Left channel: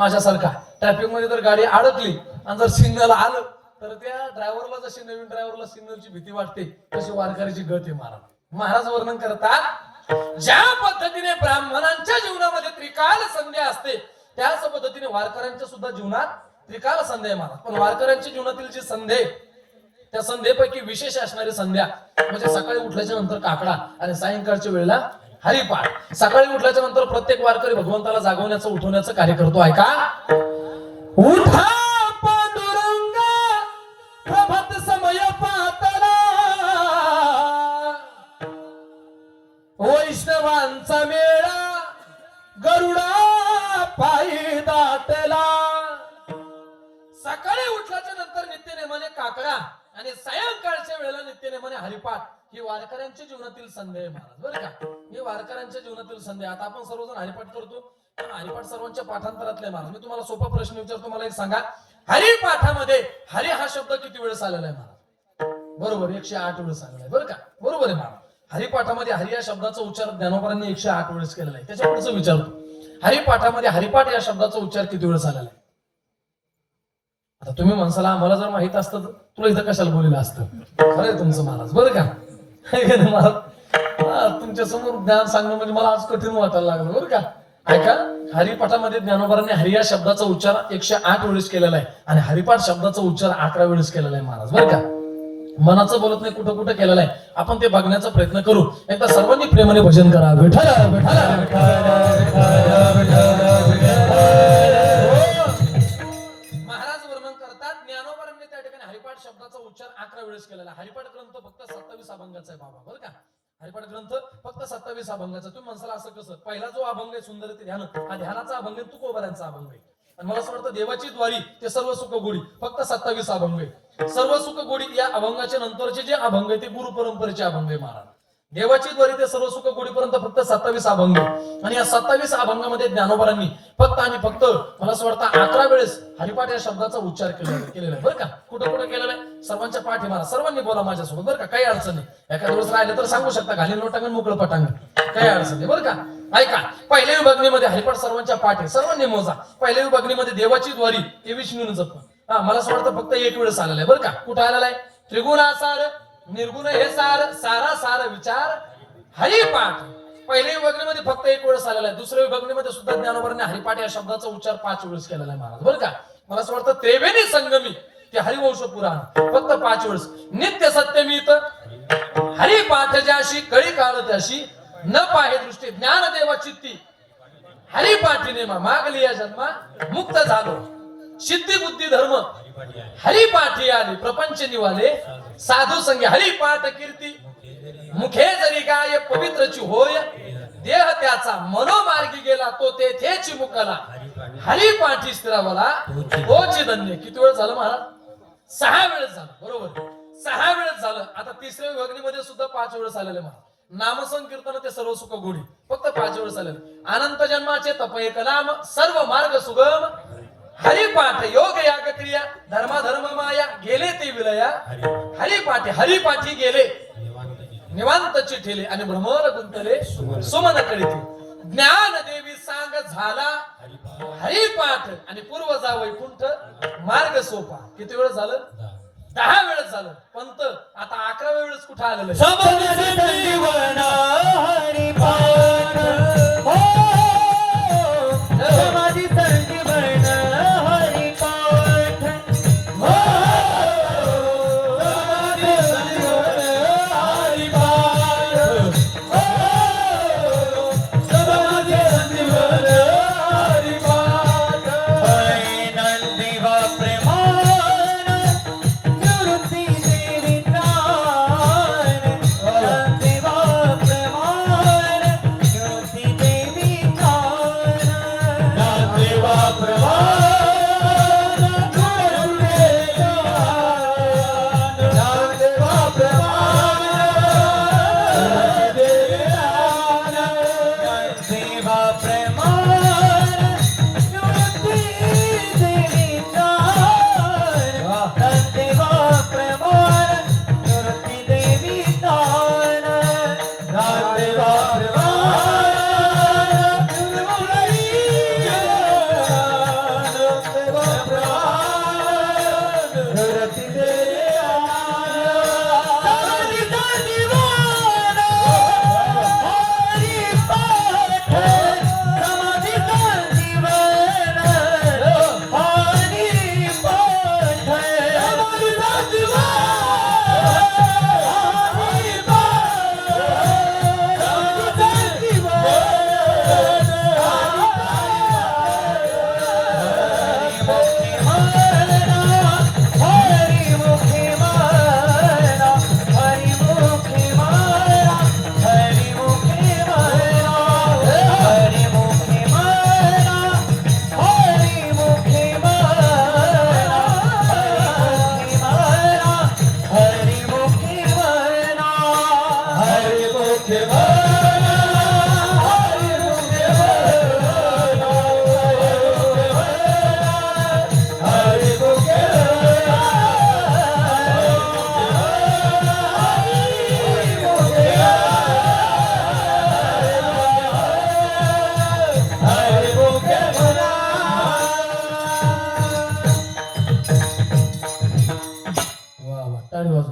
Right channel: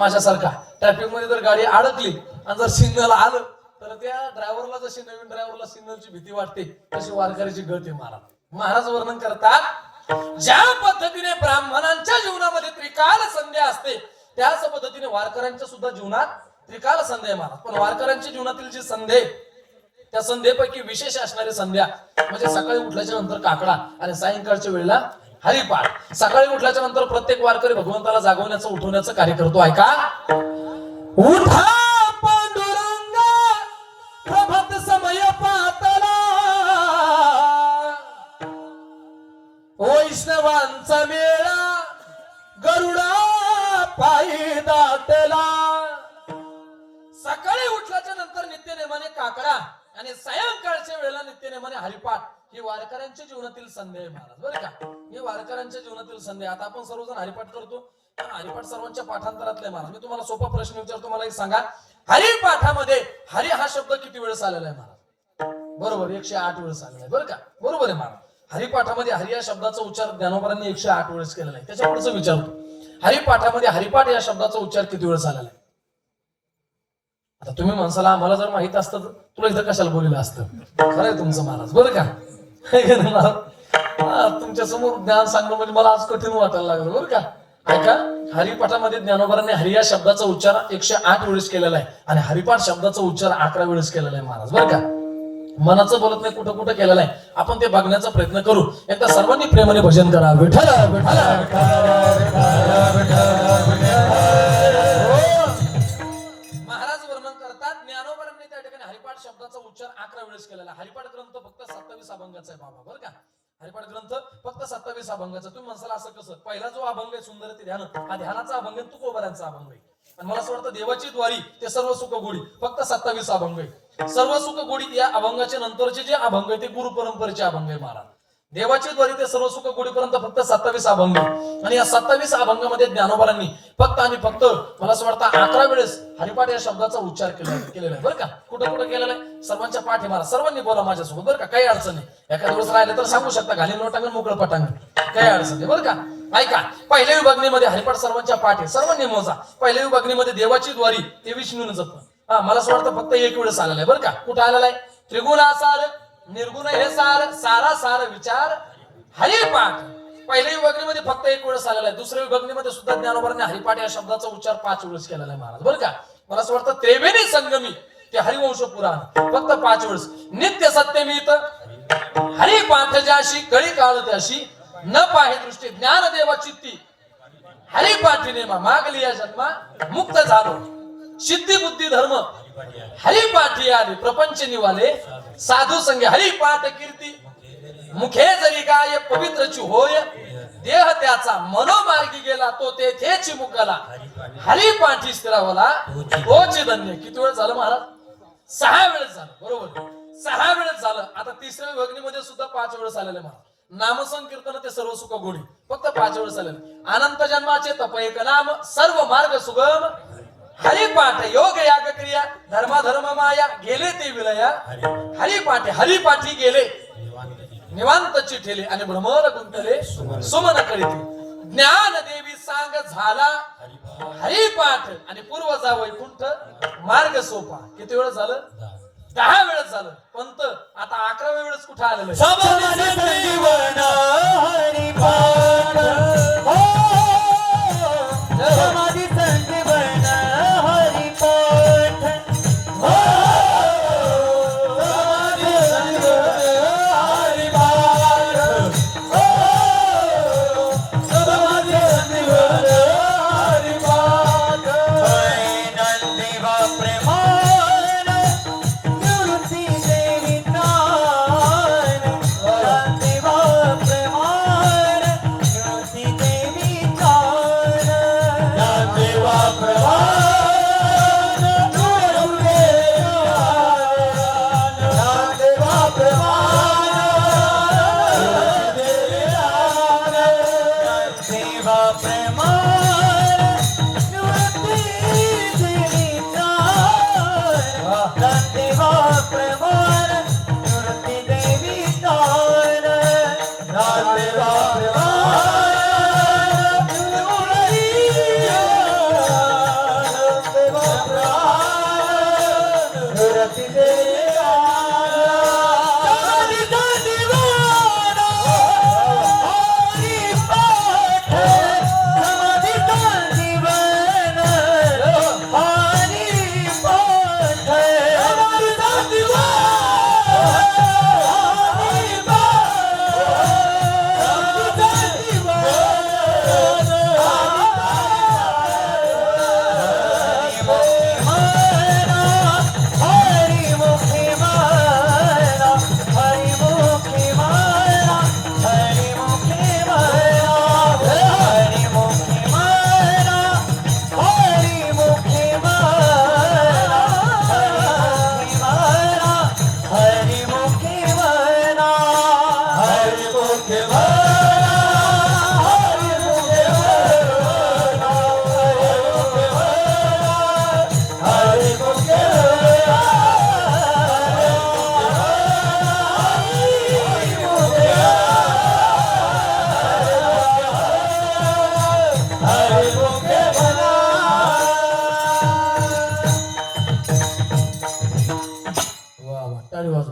माझ्यासारखा ट्रॅफिक मध्ये जर गाडी अडकली आणि जर सिग्नल आलं तर त्या ड्रायव्हरला जशी नवीन ड्रायव्हरला सिग्नलची भीती वाटते तशी वारकऱ्याची गत आहे महाराज वर्णन करतात ज्या पद्धतीने ब्राह्मणांच्या जीवनामध्ये त्रिकाल संध्या असते त्याच पद्धतीने वारकऱ्यांच्या सुद्धा जीवनात त्रिकाल संध्या आहे महाराज. पण वारकऱ्यांच्या जीवनातील जी संध्या त्या संध्येपैकी विशेष असणारी संध्या म्हणजे सकाळी उठल्याच्या नंतर काकडा आणि सायंकाळच्या वेळेला हरिपाठ. सकाळी उठल्याच्या नंतर प्रत्येक वारकरी भगवंताला जागवण्याचं उठवण्याचं कार्य करतो. ऐका, उठा पांडुरंग प्रभात समय पातला वैष्णवांचा मेळा गरुडा पायी दाटला. सकाळी उठल्याच्या नंतर नित्यनेमाने काकडा आणि सायंकाळच्या वेळेला नित्यनेमाने हरिपाठ ही वारकऱ्यांच्या जीवनातील संध्या आहे महाराज. बरं का, ही वारकऱ्यांच्या जीवनातील संध्या. आता आपण सर्वजण हरिपाठ करतो. हरिपाठ सर्वांच्या पाठांतरातले महाराज. मी तुम्हाला सोपा प्रश्न विचारतो, मला एक सांगा, हरिपाठामध्ये हरी हा शब्द किती वेळेस आलेला आहे महाराज? बरोबर, 108 वेळेस आलेला आहे. बरं का, बरोबर आहे महाराज. हरिपाठामध्ये हरी या शब्दाचा उच्चार ज्ञानोबांनी 108 वेळेस केलेला आहे. त्याच्या पुढचं विचारतो, हरिपाठामध्ये हरिपाठ या शब्दाचा उच्चार किती वेळेस आलेला आहे? आता तुम्ही माणसाला आम्हाला जर माहित असतं तुला इथं कशाला बोललेलं असतं. खरं आहे तुमचं महाराज. बरं का, तुमच्या समोर ज्ञान सांगणं म्हणजे मला आज कठीण वाटायला लागलं. बरं का, ऐका, हरिपाठामध्ये ज्ञानोबांनी हरी या शब्दाचा उच्चार 108 वेळेस केलेला आहे आणि हरिपाठ शब्दाचा उच्चार 11 वेळेस केलेला आहे महाराज. बरं का, मनाचं बोलत नाही, कुठं कुठं केलेलं आहे. आपण ते बघण्याचा प्रयत्न करू. एकदा सर्वांनी प्रेमाने भजन करा. विठ्ठल हरिपाठ ग्रंथ फक्त 27 अभंगाचा आहे बाबा. बरं का, हरिपाठ ग्रंथ फक्त 27 अभंगाचा. तुम्ही म्हणसाल असं कसं? पहिला जो अभंग आहे सुंदर ते ध्यान, हा ध्यानाचा अभंग आहे, तुकोबारांचा अभंग आहे. आणि मला असं वाटतं देवाची द्वारी ते सर्व सुख गोडी फक्त 27 अभंग आहे. सर्व सुख गोडी या अभंगाच्या नंतरचे जे अभंग आहे ते गुरु परंपरेचे अभंग आहे महाराज. देवाची द्वारी ते सर्व सुख गोडीपर्यंत फक्त 27 अभंग आहे. आणि या 27 अभंगामध्ये ज्ञानोबांनी फक्त आणि फक्त मला असं वाटतं 11 वेळेस हरिपाठ या शब्दाचा उच्चार केलेला आहे. बरं का, कुठं कुठं केलेला आहे? सर्वांच्या पाठी मारा. सर्वांनी बोला माझ्यासोबत. बरं का, काही अडचण नाही. एखाद्या दिवस राहिले तर सांगू शकता, घालीन लोटांगण मोकळं पटांगण, काही अडचण नाही. बरं का, ऐका, पहिल्या विभागणीमध्ये हरिपाठ सर्वांच्या पाठी, सर्वांनी मोजा. पहिल्या विभागणीमध्ये देवाची द्वारी ते विष्णूने जपणं, मला असं वाटतं फक्त 1 वेळेस आलेला आहे. बरं का, कुठं आलेला आहे? त्रिगुणासार निर्गुण हे सार, सारा सार विचार हरिपाठ पहिल्या विभागणीमध्ये फक्त 1 वेळेस आलेला आहे. दुसऱ्या विभागणीमध्ये सुद्धा ज्ञानोबांनी हरिपाठ या शब्दाचा उच्चार 5 वेळेस केलेला आहे महाराज. बरं का, मला असं वाटतं त्रिवेणी संगमी ते हरिवंश पुराण फक्त 5 वेळेस. नित्य सत्यमित हरिपाठ ज्याशी कळी काळ त्याशी न पाहे दृष्टी ज्ञानदेवा चित्ती हरिपाठी नेमा मागली या जन्मा मुक्त झालो सिद्धी बुद्धी धर्म हरिपाठी आले प्रपंच निवाले साधू संगे हरिपाठ कीर्ती मुखे जरी गाय पवित्रची होय देह त्याचा मनोमार्गी गेला तो तेथेची मुकला हरिपाठी स्थिरावला तोची धन्य. किती वेळ झालं महाराज? 6 वेळेस झालं. बरोबर, 6 वेळेस झालं. आता तिसऱ्या विभागणीमध्ये सुद्धा 5 वेळेस आलेले महाराज. नामसंकीर्तन ते सर्व सुख गोडी फक्त 5 वेळेस आलेले. अनंत जन्माचे तप एक नाम सर्व मार्ग सुगम हरिपाठ योग याग क्रिया धर्म माया गेले ते विलया हरिपाठी गेले निवांत चिठेले आणि भ्रमर गुंतले सुमन कळीते ज्ञान देवी सांग झाला हरिपाठ आणि पूर्व जा वैकुंठ मार्ग सोपा. किती वेळ झालं? 10 वेळेस झालं. पंत आता 11व्या वेळेस कुठे आलेलं?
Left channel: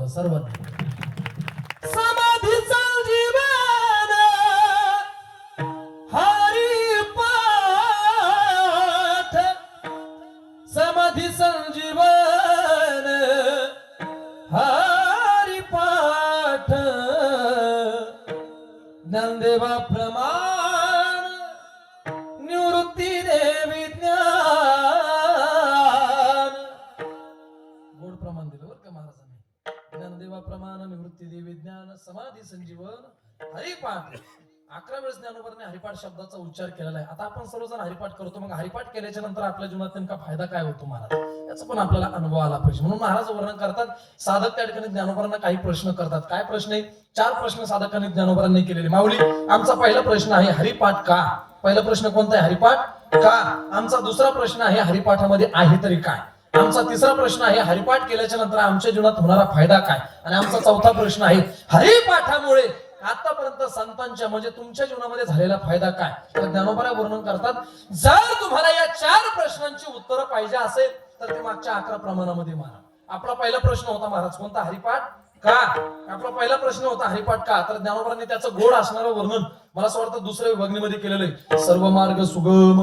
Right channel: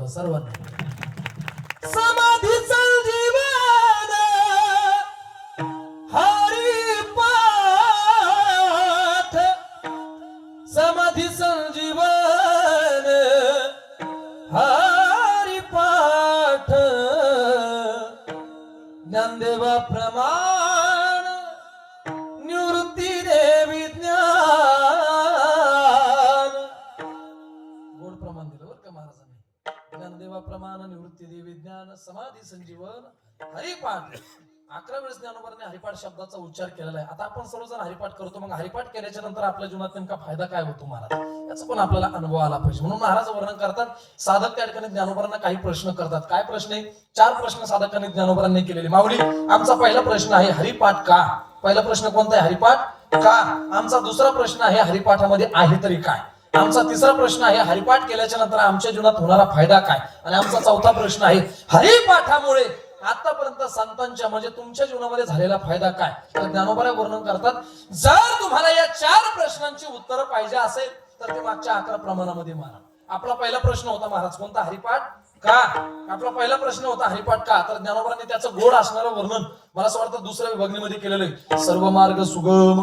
सर्वांना समाधीचं जीवन हरिपाठ समाधी संजीवन हरिपाठ ज्ञानदेवा प्रमाण निवृत्ती देवी ज्ञान गोड प्रमाण दिलं बरं का महाराजांनी ज्ञानदेवा प्रमाण निवृत्ती देवी ज्ञान समाधी संजीवन हरिपाठ 11 वेळेस ज्ञानोबांनी हरिपाठ शब्दाचा उच्चार केलेला आहे. आता आपण सर्वजण हरिपाठ करतो, मग हरिपाठ केल्याच्या नंतर आपल्या जीवनात नेमका फायदा काय होतो महाराज याचा पण आपल्याला अनुभव आला पाहिजे. म्हणून महाराज वर्णन करतात, साधक त्या ठिकाणी ज्ञानोबांना काही प्रश्न करतात. काय प्रश्न आहे? 4 प्रश्न साधकांनी ज्ञानोबांनी केलेले. माऊली, आमचा पहिला प्रश्न आहे हरिपाठ का? पहिला प्रश्न कोणता आहे? हरिपाठ का. आमचा दुसरा प्रश्न आहे हरिपाठामध्ये आहे तरी काय. आमचा तिसरा प्रश्न आहे हरिपाठ केल्याच्या नंतर आमच्या जीवनात होणारा फायदा काय. आणि आमचा चौथा प्रश्न आहे हरिपाठामुळे आतापर्यंत संतांच्या म्हणजे तुमच्या जीवनामध्ये झालेला फायदा काय. तर ज्ञानोबा वर्णन करतात, जर तुम्हाला या 4 प्रश्नांची उत्तरं पाहिजे असेल तर ते मागच्या 11 प्रमाणामध्ये माना. आपला पहिला प्रश्न होता महाराज कोणता? हरिपाठ का. आपला पहिला प्रश्न होता हरिपाठ का. तर ज्ञानोबांनी त्याचं गोड असणारं वर्णन मला असं वाटतं दुसऱ्या विभागणीमध्ये केलेलं आहे. सर्व मार्ग सुगम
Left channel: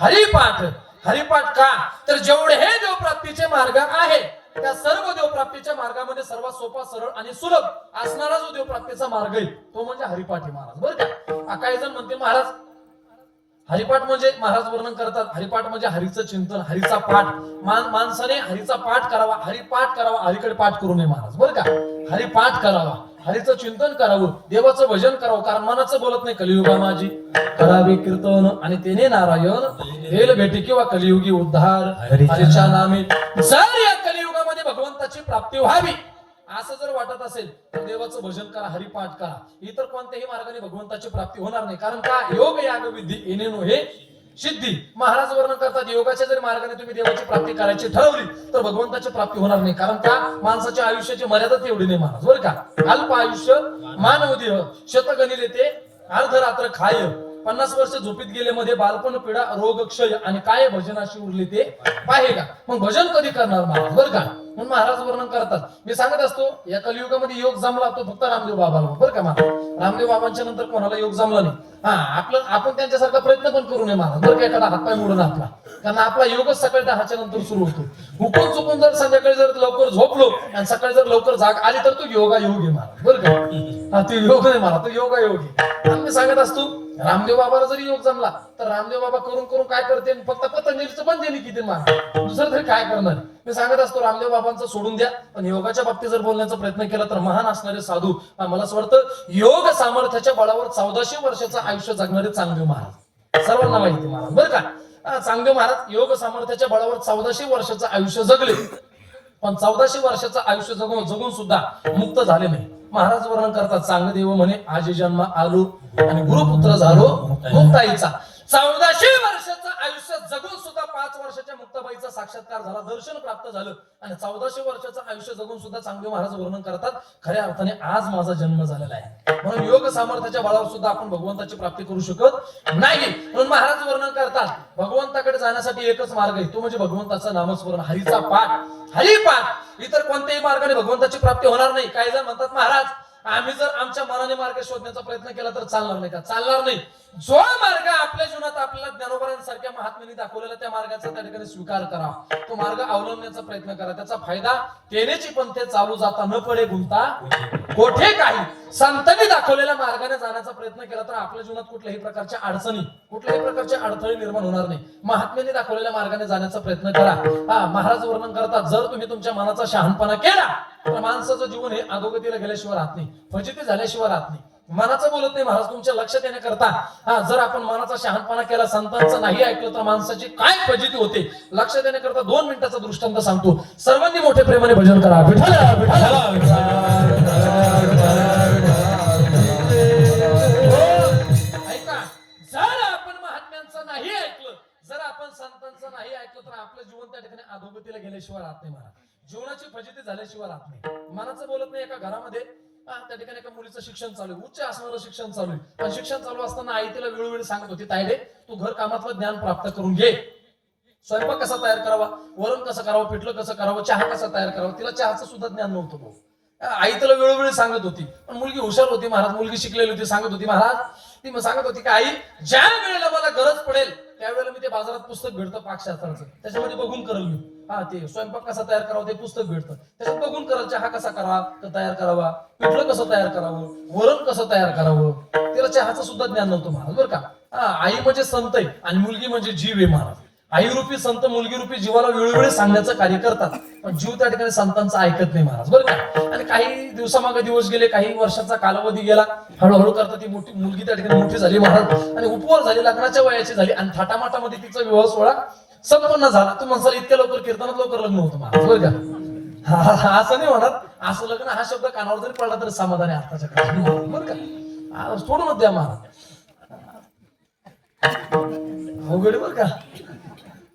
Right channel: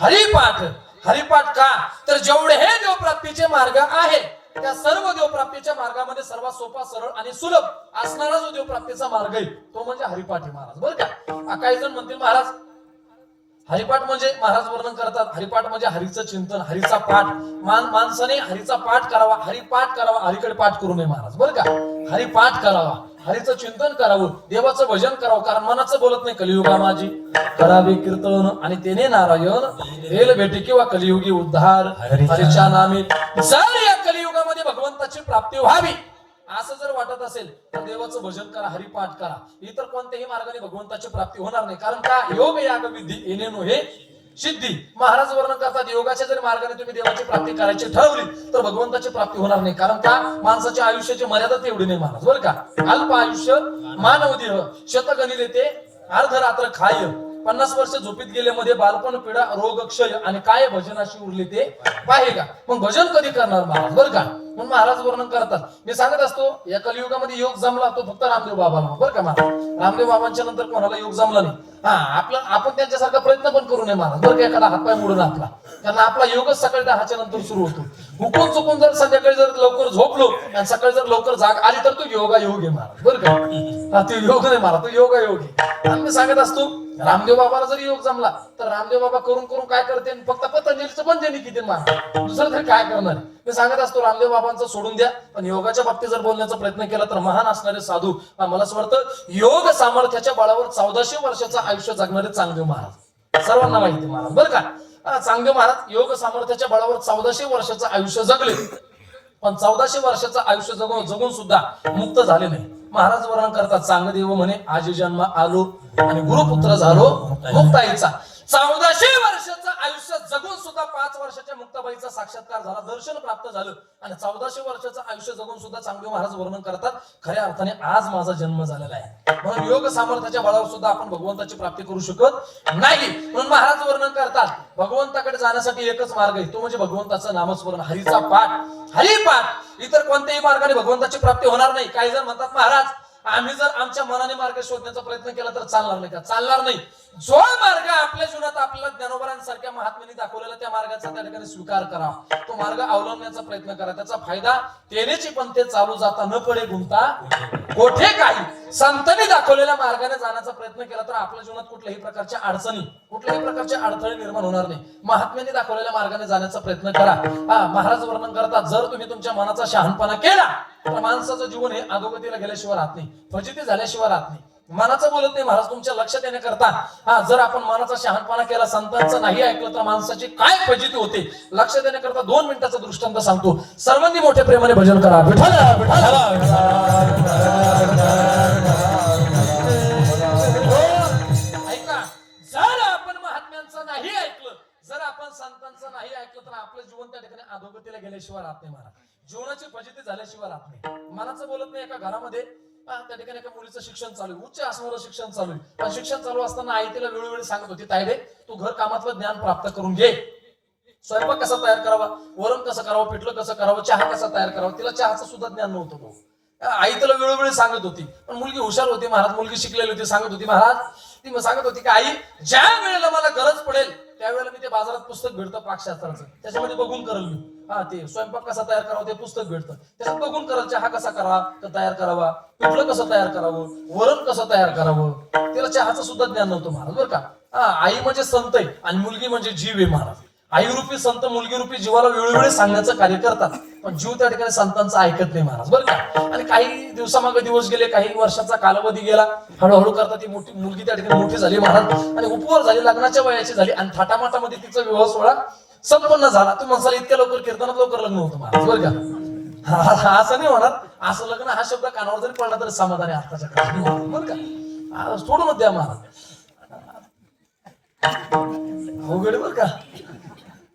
हरिपाठ. हरिपाठ का. तर जेवढे हे देवप्राप्तीचे मार्ग आहे त्या सर्व देवप्राप्तीच्या मार्गामध्ये सर्वात सोपा, सरळ आणि सुलभ असणारा जो देवप्राप्तीचा मार्ग आहे तो म्हणजे हरिपाठ आहे महाराज. बरं का. काही जण म्हणते महाराज हरिपाठ म्हणजे, महाराज वर्णन करतात हरिपाठ म्हणजे हरीचं चिंतन, हरीचा पाठ. माणसाने हरीचा पाठ करावा, हरिपाठ करावा, हरीकडे पाठ करू नये महाराज. बरं का. हरिपाठ करावा, हरीचं चिंतन करावं, देवाचं भजन करावं. कारण मनाचं बोलत नाही कलियुगा माझी करावे कीर्तन आणि तेने नारायण रेल भेटे किंवा कलियुगी उद्धार हरीच्या नामी. जर या कलियुगामध्ये भगवंताची प्राप्ती व्हावी असं जर वाटत असेल तर देवाचं भजन करा, हरिपाठ करा. इतर कोणत्याही मार्गाने भगवंताची प्राप्ती होणार नाही. कारण का योग याग विधी येणेनो हे सिद्धी. महाराज वर्णन करतात योगाच्या जर मार्गाने तुम्ही देवाची प्राप्ती करायची ठरवली तर भगवंताची प्राप्ती होणार नाही. कारण का माणसाच्या आयुष्याची मर्यादा तेवढी नाही महाराज. बरं का. अल्प आयुष्य मानव देह शतगणी लेते अर्धरात्र खाय. 50 वर्ष झोपीत गेल्यामध्ये बालपण पीडा रोग क्षय आणि काय भजनाशी उरले ते पाहे का. मग भजन कधी करणार महाराज. बरं का. म्हणून महाराज वर्णन करतात, मी सांगत असतो या कलियुगामध्ये योग जमला तो फक्त रामदेव बाबाला. बरं का महाराज. रामदेव बाबांच्या नंतर कोणाला योग जमला नाही. आपण त्यांच्यासारखा प्रयत्न पण करू नये महाराज. बरं का. एखादा हातपाय मोडून आपला, कारण आपला योगच सकाळी 10च्या नंतर सुरू होतो. हुकून चुकून जर संध्याकाळी जर लवकर झोपलो आणि सकाळी जर लवकर जाग आली तर तो योगा योग आहे महाराज. बरं का. ते योग नाही महाराज, तो योगा योग आहे. मी सांगत असतो रामदेव बाबाला जरी योग जमला तर रामदेव बाबा करून करून काय करते, फक्त पतंजलीचं पण देणे किती महाराज, दुसरं तरी काय करणार. मी सांगत असतो रामदेव बाबांचं सोडून द्या, पण योगाच्या बाबतीत जर बोलण्याचा प्रयत्न केला तर महान असणारे साधू, मला असं वाटतं योग सामर्थ्याच्या बळावर 1400 वर्षाचं आयुष्य जगणारे चांगदेव महाराज सर्वांना माहिती महाराज. बरं का. चांगदेव महाराज योग सामर्थ्याच्या बळावर 1400 वर्षाचं आयुष्य जगले, पण 1400 वर्षाचं आयुष्य जगून सुद्धा मुक्त झाले नाही. महाराज वर्णन करतात चांगदेव म्हणे आजी जन्म आलो आणि गुरुपुत्र झालो मुक्ताईचा. 1400 वर्षाचं आयुष्य जगून सुद्धा 5 वर्षाच्या मुक्ताबाईचा साक्षात्कार झाला, दर्शन प्राप्त झालं आणि 1400 वर्षाचं आयुष्य जगून सुद्धा चांगदेव महाराज वर्णन करतात, खऱ्या अर्थाने आज माझा जन्म झालेला आहे. म्हणून योग सामर्थ्याच्या बळावर सुद्धा आपण भगवंताची प्राप्ती करू शकत नाही. म्हणून महाराज वर्णन करतात, भगवंताकडे जाण्यासाठी एकच मार्ग आहे, तो म्हणजे भगवंताचं नामस्मरण, हरीचा पाठ. हरिपाठ, इतर कोणत्याही मार्गाने भगवंताची प्राप्ती होणार नाही. काही जण म्हणतात, महाराज आम्ही जर आमच्या मनाने मार्ग शोधण्याचा प्रयत्न केला तर चालणार नाही का? चालणार नाही. जो मार्ग आपल्या जीवनात आपल्याला ज्ञानोबरांसारख्या महात्म्यांनी दाखवलेला त्या मार्गाचा त्या ठिकाणी स्वीकार करा, तो मार्ग अवलंबण्याचा प्रयत्न करा. त्याचा फायदा तेनेची पण ते चालू जाता न पडे गुंता कोठे काही. संतांनी दाखवलेल्या मार्गाने जाण्याचा प्रयत्न केला तर आपल्या जीवनात कुठल्याही प्रकारच्या अडचणी, कुठल्याही प्रकारचे अडथळे निर्माण होणार नाही. महात्म्यांनी दाखवलेल्या मार्गाने जाण्याचा प्रयत्न करा. महाराज वर्णन करतात, जर तुम्ही तुमच्या मनाचा शहाणपणा केला तर माणसाचं जीवन हे अधोगतीला गेल्याशिवाय राहत नाही, फजिती झाल्याशिवाय राहत नाही. मनाचं बोलत नाही महाराज, तुमच्या लक्ष देण्याकरता जर आपण मनाचा शहाणपणा केला, संतांचं नाही ऐकलं तर माणसाची काय फजिती होते लक्ष देण्याकरता 2 मिनिटाचा दृष्टांत सांगतो. सर्वांनी मोठ्या प्रेमाने भजन करा. विठ्ठल ऐका, जर आपण महात्म्यांचं नाही ऐकलं, जर आपण संतांचं नाही ऐकलं तर आपलं जीवन त्या ठिकाणी अधोगतीला गेल्याशिवाय राहत नाही. महाराज जीवनाची फजिती झाल्याशिवाय राहत नाही. मनाचं बोलत नाही. एका घरामध्ये त्या ठिकाणी एका मुलीचं शिक्षण चालू आहे, उच्च असणारं शिक्षण चालू आहे. पण शिक्षण चालू असताना आई तिला वेळोवेळी सांगत होती, तायडे तू घर कामातलं ज्ञान प्राप्त करून घे. स्वयंपाक कसा तयार करावा, वरण कसं करावं, पिठलं कसं करावं, चहा कसा तयार करावा, तिला चहाचं सुद्धा ज्ञान नव्हतं भाऊ. आई तिला वेळोवेळी सांगत होती. पण मुलगी हुशार होती महाराज, मुलगी शिकलेली होती. सांगत होती महाराज, ती मग सांगत होती की आई ज्या वेळेला मला गरज पडेल त्यावेळेला मी ते बाजारात पुस्तक भेटतं पाकशास्त्राचं, त्याच्यामध्ये बघून करल मी. ते स्वयंपाक कसा तयार करावा ते पुस्तक भेटतं, त्याच्यात बघून करल. चहा कसा तयार करावा, पिठलं कसं तयार करावं, वरण कसं तयार करावं. तिला चहाचं सुद्धा ज्ञान नव्हतं महाराज बरं का. आई म्हणजे संत आहे आणि मुलगी म्हणजे जीव आहे महाराज. आई रूपी संत मुलगी रूपी जीवाला वेळोवेळी सांगण्याचं कार्य करतात, पण जीव त्या ठिकाणी संतांचं ऐकत नाही महाराज बरं का. आणि काही दिवसामागे दिवस गेले, काही वर्षाचा कालावधी गेला, हळूहळू करता ती मोठी मुलगी त्या ठिकाणी मोठी झाली महाराज आणि उपवर झाली, लग्नाच्या वयाची झाली आणि थाटामाटामध्ये तिचा विवाह सोहळा संपन्न झाला. तुम्ही म्हणसाल इतक्या लवकर कीर्तनात लवकर लग्न होतं महाराज बरं का. असं नाही होणार. असं लग्न हा शब्द कानावर जरी पडला तरी समाधान आहे आताच्या काळात बरं का. सोडूनच द्या महाराज, अवघड बरं का.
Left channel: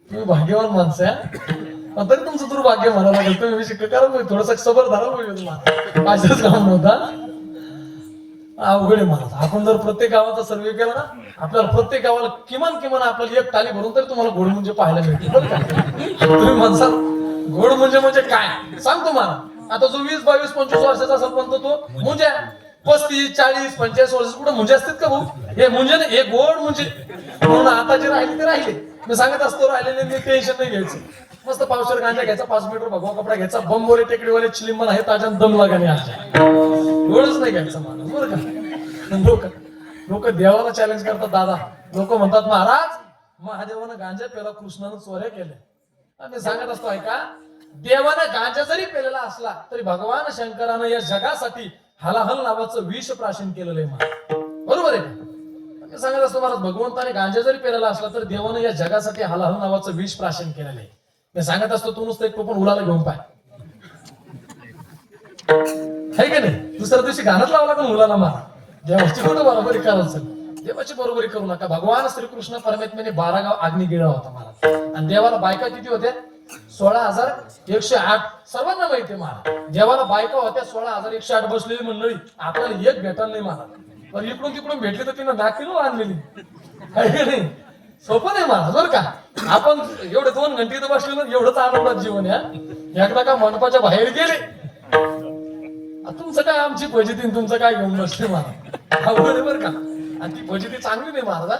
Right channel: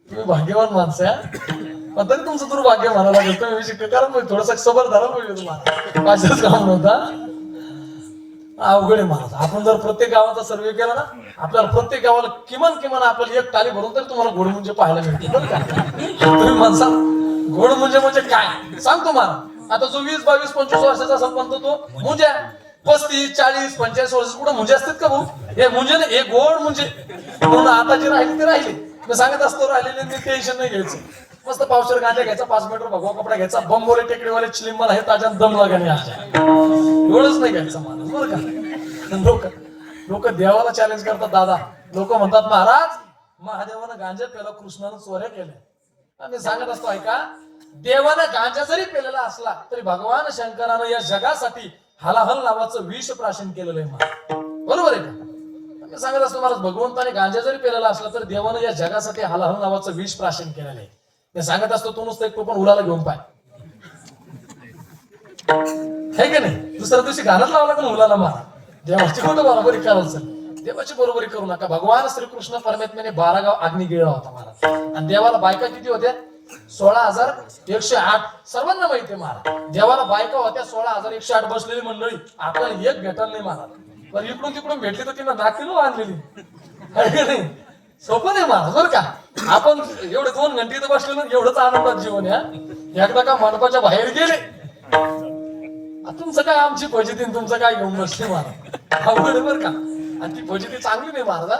तुम्ही भाग्यवान माणसं आहे, पण तरी तुमचं दुर्भाग्य म्हणायला लागेल. तुम्ही विषय कारण थोडस सबर धरा पाहिजे तुम्हाला, माझ्याच काम नव्हता. अवघड आहे महाराज. आपण जर प्रत्येक गावाचा सर्वे केला ना, आपल्याला प्रत्येक गावाला किमान आपल्याला 1 टाळी भरून तरी तुम्हाला गोड म्हणजे पाहायला मिळते बरं का. तुम्ही म्हणसाल गोड म्हणजे काय सांगतो महाराज. आता जो 20, 22, 25 वर्षाचा सरपंच तो मुंज्या 35, 40, 45 वर्ष कुठं मुंजे असतात का भाऊ? हे मुंजे नाही, हे गोड मुंजे. म्हणून आता जे राहिले ते राहिले. मी सांगत असतो राहिलेले टेन्शन नाही घ्यायचं. मस्त पावसाळी गांजा घ्यायचा, 5 मीटर भगवा कपडा घ्यायचा, बंबोले टेकडीवाले चिलिंबन आहे ताज्या दम लागले एवढंच नाही घ्यायचं माणूस बरं का. लोक देवाला चॅलेंज करतात दादा. लोक म्हणतात महाराज महादेवानं गांजा पेला, कृष्णानं चोऱ्या केल्या. मी सांगत असतो ऐका, देवानं गांजा जरी पेलेला असला तरी भगवान शंकरानं या जगासाठी हलाहल नावाचं विष प्राशन केलेलं आहे. बरोबर आहे का. मी सांगत असतो महाराज, भगवंताने गांजा जरी पेलेला असला तर देवानं या जगासाठी हलाहल नावाचं विष प्राशन केलेलं आहे. मी सांगत असतो तू नुसतं एक टोपण उलाला घेऊन पाय, हे का नाही. दुसऱ्या दिवशी गाणं लावलं पण उलाला मारा. देवाची कुठं बरोबरी करायचं, देवाची बरोबरी करू नका. भगवान श्रीकृष्ण परमात्म्याने 12 गाव अग्नी गिळला होता मला. आणि देवाला बायका किती होत्या? 16,108. सर्वांना माहिती आहे मला. देवाला बायका होत्या 16,108 बसलेली मंडळी. आपल्याला एक भेटायला नाही मला, पण इकडून तिकडून भेटली तर तिनं नाकिलो आणलेली. नाही सोपं नाही महाराज बरं का. आपण एवढे 2 घंटे इथं बसलेलो, एवढंच आनंदात जीवन आहे. एकदा का मंडपाच्या बाहेर गेले, तुमचं काय आमची फजिती, तुमचं काय घेऊन बसले महाराज. अवघड आहे बरं का. आणि ती फजिती चांगली नाही महाराज.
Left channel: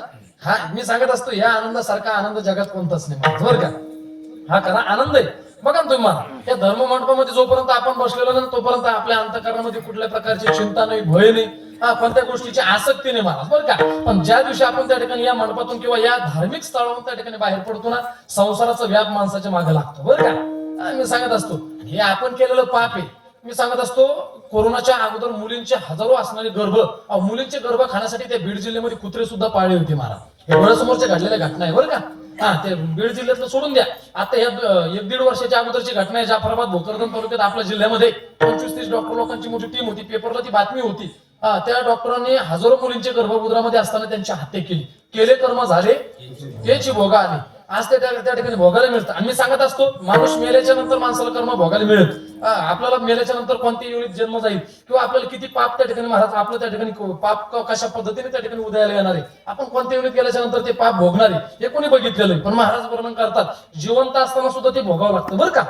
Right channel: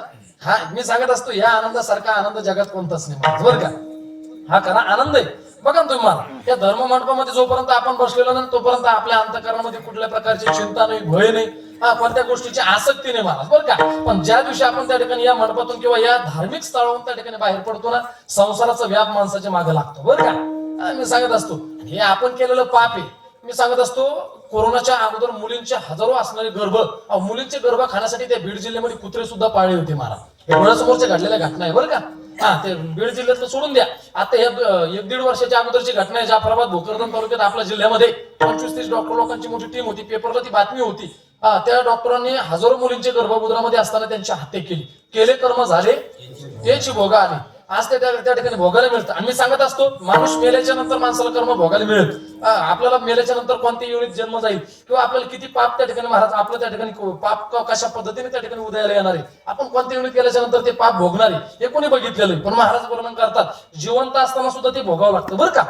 हा मी सांगत असतो, या आनंदासारखा आनंद जगात कोणताच नाही महाराज बरं का. हा खरा आनंद आहे बघा ना तुम्ही मला. या धर्म मंडपामध्ये जोपर्यंत आपण बसलेलो नाही तोपर्यंत आपल्या अंतःकरणामध्ये कुठल्या प्रकारची चिंता नाही, भय नाही, कोणत्या गोष्टीची आसक्ती नाही महाराज बरं का. पण ज्या दिवशी आपण त्या ठिकाणी या मंडपातून किंवा या धार्मिक स्थळावरून त्या ठिकाणी बाहेर पडतो ना, संसाराचा व्याप माणसाच्या मागे लागतो बरं का. मी सांगत असतो हे आपण केलेलं पाप आहे. मी सांगत असतो कोरोनाच्या अगोदर मुलींचे हजारो असणारे गर्भ, मुलींचे गर्भ खाण्यासाठी त्या बीड जिल्ह्यामध्ये कुत्रे सुद्धा पाळले होते महाराज. हे डोळ्यासमोरच्या घडलेल्या घटना आहे बरं का. ते बीड जिल्ह्यातलं सोडून द्या. आता या 1-1.5 वर्षाच्या अगोदरची घटना आहे. जाफराबाद भोकरदन तालुक्यात आपल्या जिल्ह्यामध्ये 25-30 डॉक्टर लोकांची मोठी टीम होती. पेपरला ती बातमी होती. त्या डॉक्टरांनी हजारो मुलींचे गर्भगृहामध्ये असताना त्यांची हत्या केली. केले कर्म झाले त्याची भोगा आली. आज त्या ठिकाणी भोगायला मिळतं. आणि मी सांगत असतो, माणूस मेल्याच्या नंतर माणसाला कर्म भोगायला मिळेल. आपल्याला मेल्याच्या नंतर कोणत्या योनीत जन्म जाईल किंवा आपल्याला किती पाप त्या ठिकाणी महाराज आपलं त्या ठिकाणी पाप कशा पद्धतीने त्या ठिकाणी उदयाला येणार आहे, आपण कोणत्या योनीत गेल्याच्या नंतर ते पाप भोगणार आहे हे कोणी बघितलेलं आहे. पण महाराज वर्णन करतात, जिवंत असताना सुद्धा ते भोगावं लागतं बरं का.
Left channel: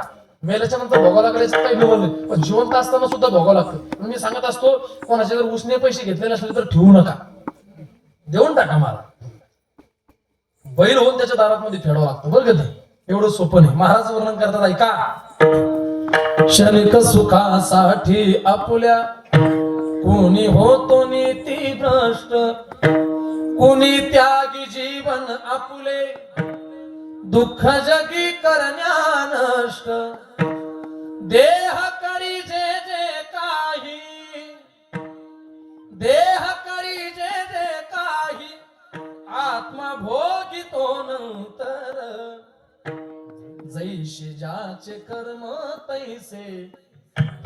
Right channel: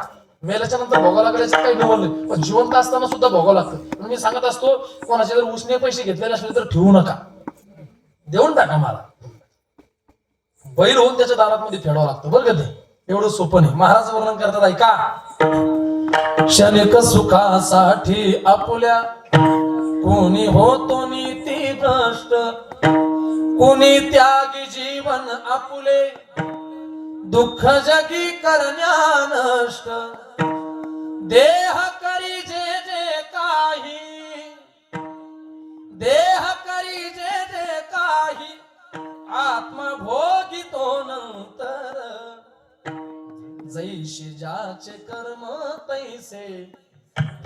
मेल्याच्या नंतर भोगावं लागायचं काही निवड नाही, पण जिवंत असताना सुद्धा भोगावं लागतं. मी सांगत असतो, कोणाचे जर उसने पैसे घेतलेले असले तर ठेवू नका, देऊन टाका. महाराज बैल होऊन त्याच्या दारात फेडावं लागतं बरं का. एवढं सोपं नाही. महाराज वर्णन करतात, ऐका. क्षणिक सुखासाठी आपुल्या कोणी होतो नीती भ्रष्ट, कोणी त्यागी जीवन आपुले दुःख जगी करण्या नष्ट. देह करी जे जे काही, देह करी जे जे काही, आत्मा भोगितो नंतर. जैसे ज्याचे कर्म तैसे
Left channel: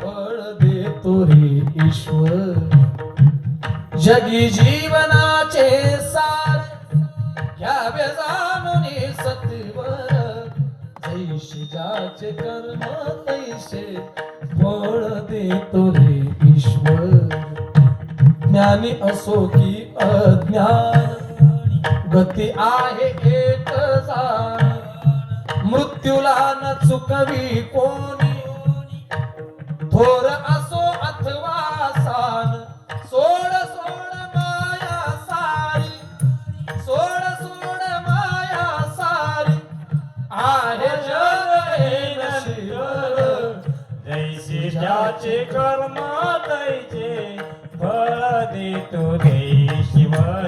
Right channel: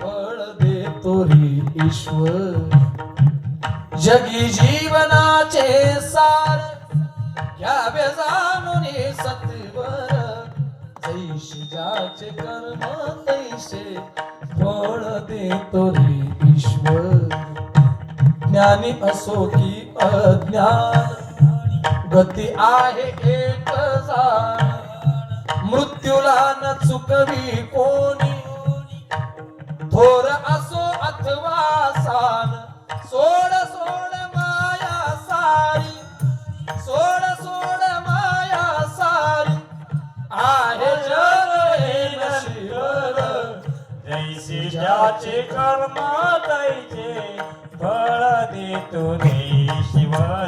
फळ देतो रे ईश्वर. जगी जीवनाचे सार घ्यावे जाणून सत्वर. जैसे ज्याचे कर्म तैसे फळ देतो रे ईश्वर. ज्ञानी असो की अज्ञान गती आहे एक जाण. मृत्यूला न चुकवी कोणी थोर असो अथवा सान. सोड सोड माया सारी, सोड सोड माया सारी, आहे जग हे नशीब. जैसे ज्याचे कर्म तैसे फळ देतो रे ईश्वर.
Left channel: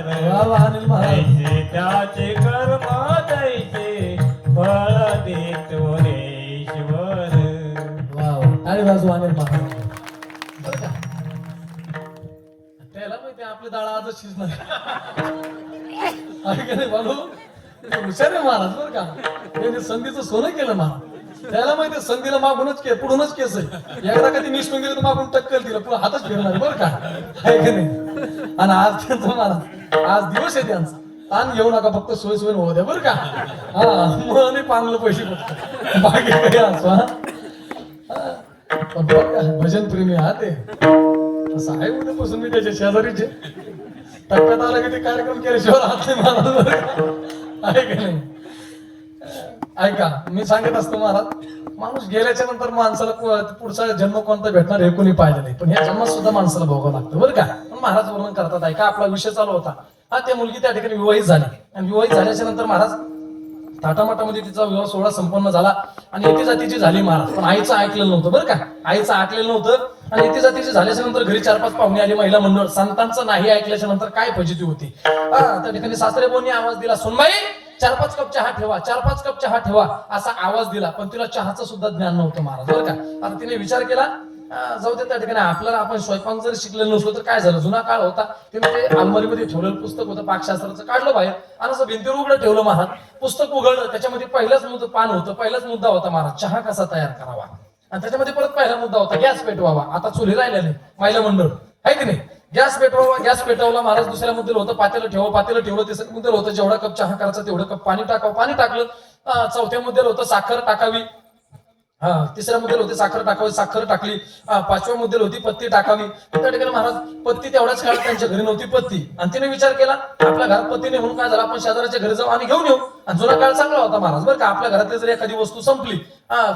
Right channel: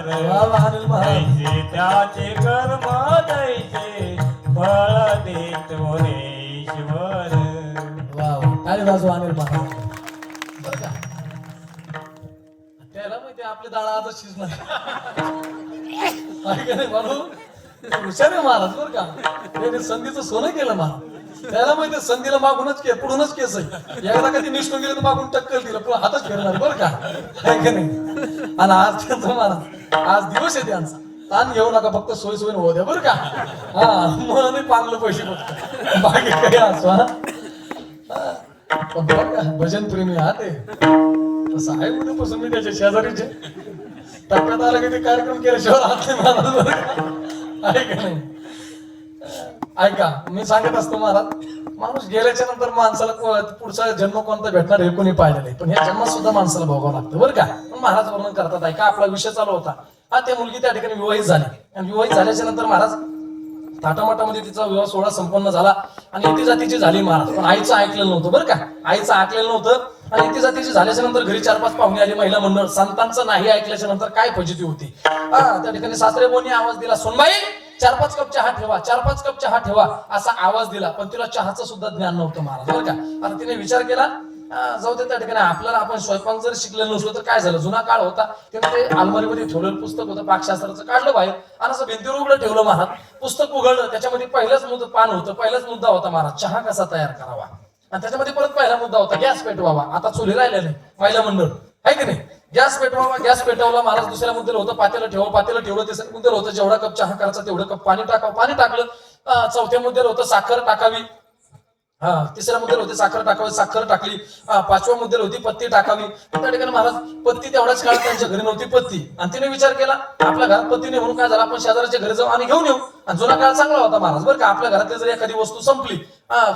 जैसे त्याचे कर्म तैसे फळ देतो रे ईश्वर. काय बाजू आले बाबा. त्याला माहिती आपली डाळ आजच शिजणार बाबू. हुशार आहे महाराज बरं का. त्याने संधीचं सोनं केलं ना. त्याला माहिती संधीला मागूनच पुढूनच केस आहे. एकदा कधी निष्ठून गेलं तर मागून टक्कल दिलं पण हातच फिरणार बरं का. आहे का नाही. आणि आज त्यांचं महाराज आज दिवस आहे त्यांचा. ताण घेऊ नका, फक्त सोय सोयीने होऊ द्या बरं का. हा म्हणून पांगलं पैसे बघतो बाकी काही असं. पण बरं का भजन प्रेमी हा ते असं आहे. उद्यापासून मी त्याच्या शेजारीचे टप्प्यात आला की ते कार्यक्रम केल्याशिवाय राहत नाही महाराज. आहे का नाही. ऐका, मी सांगत असतो महाराज, माणूस गेल्याच्या नंतर माणसाला पुढचा जन्म कोणता भेटणार हे कोणी पाहिलं नाही, पण ह्या जन्मात सुद्धा माणसाला भोगावं लागतं बरं का. पण महाराज वर्णन करतात, ऐका. आपला विषय चालू होता, हा ते मुलगी त्या ठिकाणी विवाहित झाली आणि विवाहित झाल्याच्या नंतर महाराज थाटामाटामध्ये तिचा विवाह सोहळा संपन्न झाला आणि इथे जातीची झाली महाराज. पण आईचं ऐकलेलं नव्हतं बरं का. आईचं ऐकलेलं नव्हतं आणि इथे जातीची झाल्याच्या नंतर घरी 4-5 पाहुणे आले, महिला मंडळ. संतांचं नाही ऐकल्याच्या नंतर काय फजिती होती. त्या ठिकाणी सासरे बोलणी आवाज दिला, सुनबाई 4-5 कप चहा ठेवा, 4-5 कप चहा ठेवा असा आवाज दिला. पण तिला चहाचं सुद्धा ज्ञान नव्हतं महाराज बरं का. आता तिने विचार केला, जाऊ दे त्या ठिकाणी आपल्याला आपण स्वयंपाक जरी शिकलेलं नसलो तर काय झालं. जुना काळ होता, तिने ते अलमारीमध्ये ठेवलेलं पुस्तक होतं पाकशास्त्राचं, काढलं बाहेर आणि असं भिंतीवर उघडं ठेवलं महाराज. पुस्तक उघडलं, त्याच्यामध्ये पहिलंच पान होतं, पहिलाच मुद्दा होता महाराज, चहा कसा तयार करावा. आणि त्याच्यामध्ये परत पहिला मुद्दा होता, गॅस पेटवावा. आता चुली राहिल्या नाही, महिला मंडळ आहे की नाही. गॅस पेटवावा, गॅस पेटवला महाराज. दुसऱ्या मुद्द्याला होतं पातेलं ठेवा, पातेलं ठेवलं. तिसऱ्या मुद्द्याला होतं जेवढा कप चहा करायचा तेवढं कप पाणी टाकावं, पाणी टाकलं. चौथ्या मुद्द्याला होतं साखर टाकावी. तिसऱ्या मुद्द्याला होती साखर टाकावी, साखर टाकली. 5व्या मुद्द्याला होती पत्ती टाकावी. त्या ठिकाणी महाराज पत्ती तेवढाच काळ त्यांच्या घरी नव्हती पत्ती. आणि तिने विचार केला, आपल्या घरात पत्ती नाही म्हणून काय झालं, आपण शेजाऱ्याच्या घरी जाऊ आणि घेऊन येऊ. आणि जुना काळ चांगला होता महाराज बरं का. आपल्या घरातली जर एखादी वस्तू संपली,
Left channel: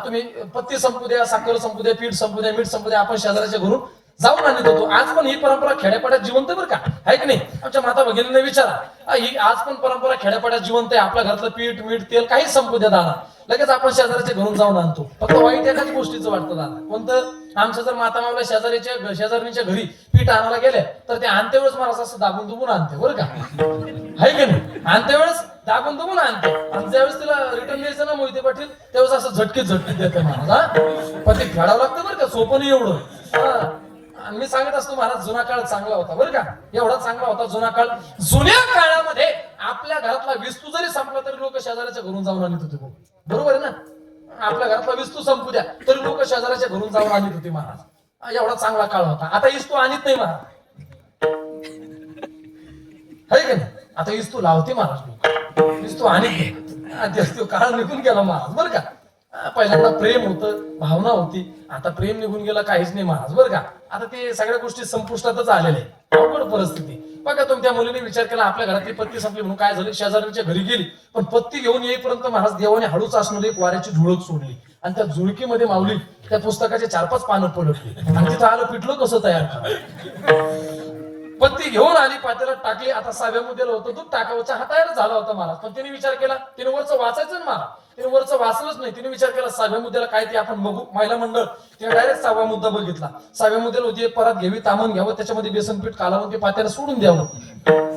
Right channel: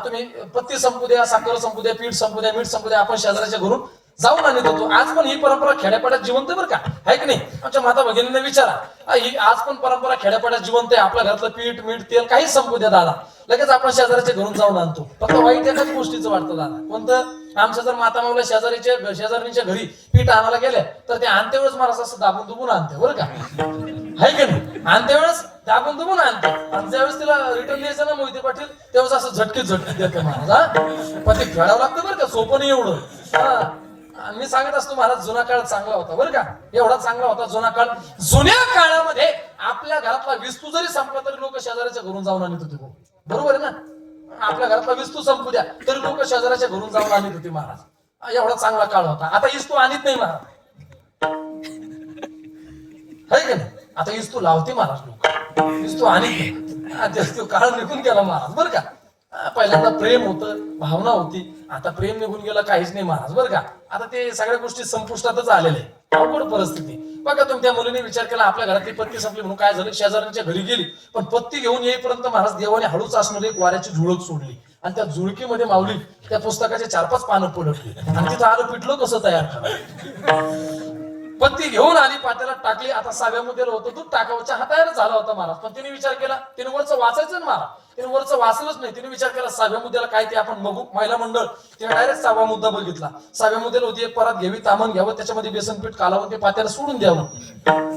तुम्ही पत्ती संपू द्या, साखर संपू द्या, पीठ संपू द्या, मीठ संपू द्या, आपण शेजाऱ्याच्या घरून जाऊन आणत होतो. आज पण ही परंपरा खेड्यापाड्यात जिवंत बरं का, आहे की नाही. आमच्या माता भगिनींना विचारा, ही आज पण परंपरा खेड्यापाड्यात जिवंत आहे. आपल्या घरातलं पीठ मीठ तेल काही संपू द्या दादा, लगेच आपण शेजाऱ्याच्या घरून जाऊन आणतो. फक्त वाईट एकाच गोष्टीचं वाटतं दादा, कोणतं. आमच्या जर माता मावल्या शेजारणीच्या घरी पीठ आणायला गेल्या तर ते आणते वेळेस मला असं दाबून दुबून आणते बरं का, आहे की नाही. आणते वेळेस दाबून दुबून आणते आणि ज्यावेळेस तिला रिटर्न द्यायचं ना मोहिते पाटील, त्यावेळेस असं झटकीत देते महाराज. पण ते खेळावं लागतं बरं का, सोपं नाही एवढं. मी सांगत असतो महाराज, जुना काळ चांगला होता बरं का. एवढा चांगला होता जुना काळ. जुन्या काळामध्ये आपल्या घरातला विस्तू जरी संपला तरी लोक शेजाऱ्याच्या घरून जाऊन आणत होते, बरोबर आहे ना. आपल्या घरातला विस्तू संपू द्या तरी लोक शेजाऱ्याच्या घरून जाऊन आणत होते महाराज. एवढा चांगला काळ होता. आता इस्तू आणत नाही महाराज, आहे का नाही. आता इस्तू लावते महाराज लोक, इस्तू आणत नाही. आजच तो काळ निघून गेला महाराज बरं का. पहिल्यांदा प्रेम होतं, भावना होती, आता प्रेम निघून गेलं, काहीच नाही महाराज बरं का. आता ते सगळ्या गोष्टी संपुष्टातच आलेल्या आहे. अवघड परिस्थिती बघा. तुम्ही त्या मुलीने विचार केला आपल्या घरातली पत्ती संपली म्हणून काय झालं, शेजाऱ्यांच्या घरी गेली, पण पत्ती घेऊन येईपर्यंत महाराज देवाने हळूच असणारी एक वाऱ्याची झुळक सोडली आणि त्या झुळकीमध्ये माऊली त्या पुस्तकाचे 4-5 पानं पलटली आणि तिथं आलं पिठलं कसं तयार करायचं. पत्ती घेऊन आली, पातेल्यात टाकली. आता 6व्या मुद्द्याला होतं दूध टाकावं, चहा तयार झाला होता महाराज. पण तिने विचार केला, तिने वरचं वाचायचं ना महाराज, तिने वरचं वाचलंच नाही. तिने विचार केला 6व्या मुद्द्याला काय ते आपण बघू, महिला मंडळ. तिने डायरेक्ट 6वा मुद्दा बघितला. 6व्या मुद्द्याला होती एक परात घ्यावी, तामण घ्यावं, त्याच्यामध्ये बेसन पीठ कालवून ते पात्याला सोडून द्यावं.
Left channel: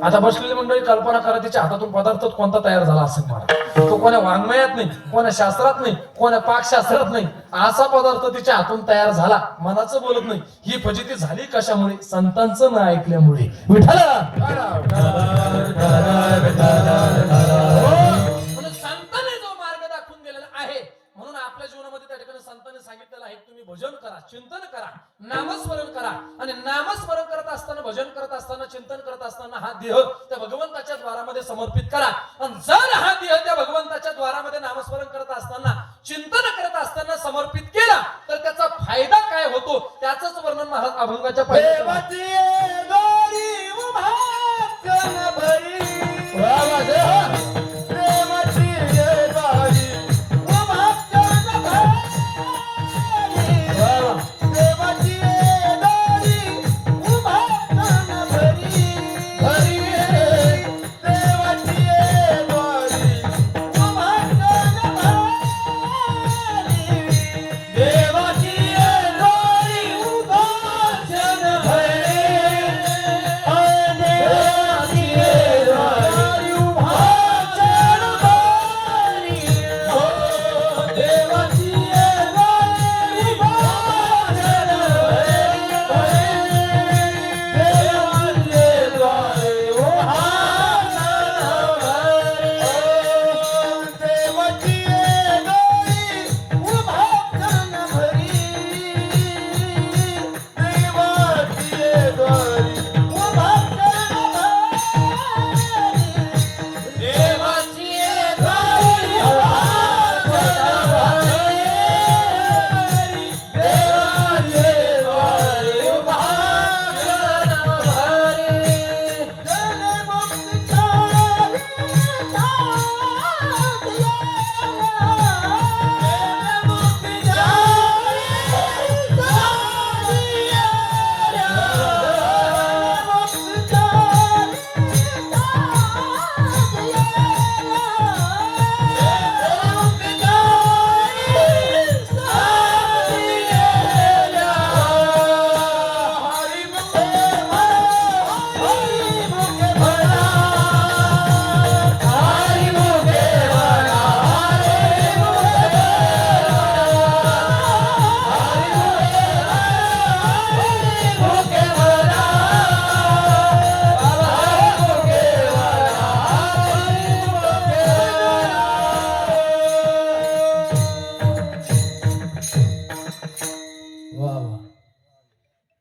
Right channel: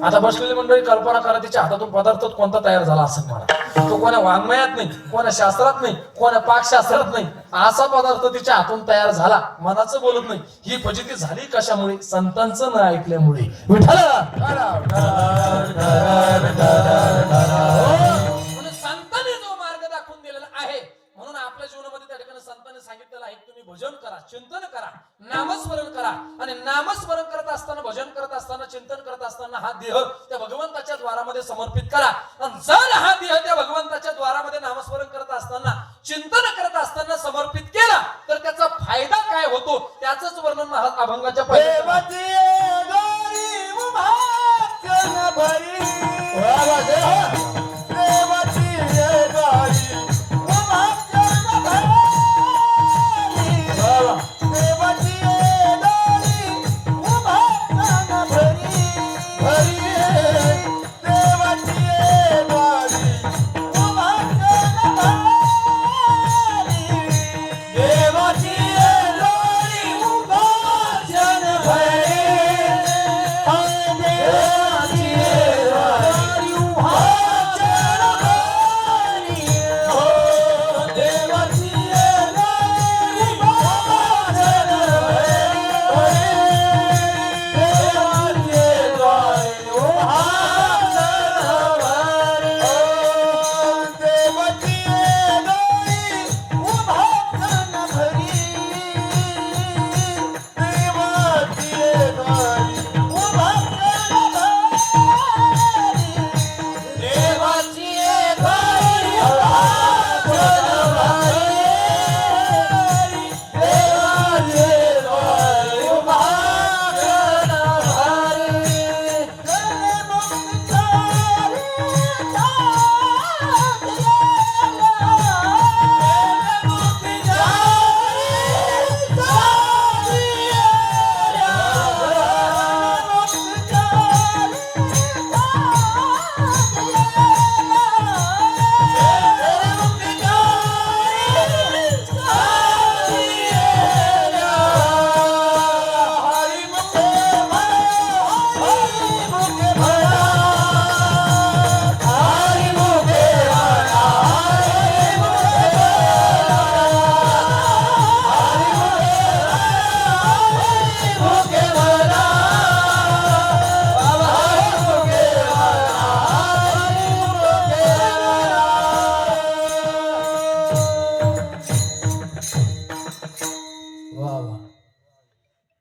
आता बसलेली मंडळी कल्पना करा, तिच्या हातातून पदार्थ कोणता तयार झाला असं म्हणा. तो कोण्या वाङ्मयात नाही, कोण्या शास्त्रात नाही, कोण्या पाकशास्त्रात नाही, असा पदार्थ तिच्या हातून तयार झाला. मनाचं बोलत नाही. ही फजिती झाली कशामुळे? संतांचं न ऐकल्यामुळे. विठ्ठल म्हणून संतांनी जो मार्ग दाखवून दिलेला आहे, म्हणून आपल्या जीवनामध्ये त्या ठिकाणी संतांनी सांगितलेलं आहे तुम्ही भजन करा, चिंतन करा, नामस्मरण करा. आणि नामस्मरण करत असताना, भजन करत असताना, चिंतन करत असताना हा देह त्या भगवंताच्या द्वारामध्ये समर्पित करा. आणि जर हा देह त्या भगवंताच्या द्वारामध्ये नामस्मरण करत असताना, चिंतन करत असताना समर्पित केला तर त्याचा फायदा काय होतो त्याचंच वर्णन महाराज अभंगाच्या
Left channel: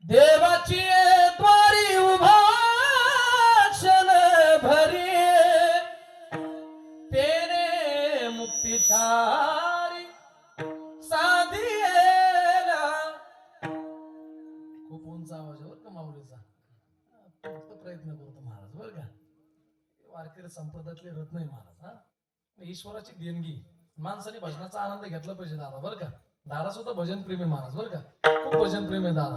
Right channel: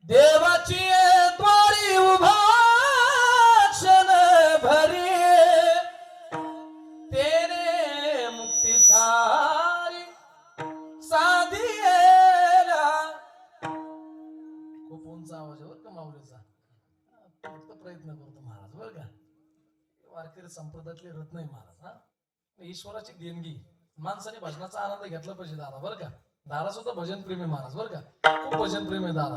देवाची द्वारी उभा क्षण भरी तेरे मुक्तिचारी साधिएला. खूप उंच आवाज बर का माऊलीचा, फक्त प्रयत्न करतो महाराज बर का. वारकरी संप्रदायातले रत्न आहे महाराज. हा ईश्वराची देणगी. माणसाने भजनाचा आनंद घेतला पाहिजे दादा बर का. दादा सुद्धा भजन प्रेमी महाराज बर का, खूप भजन प्रेमी दादा.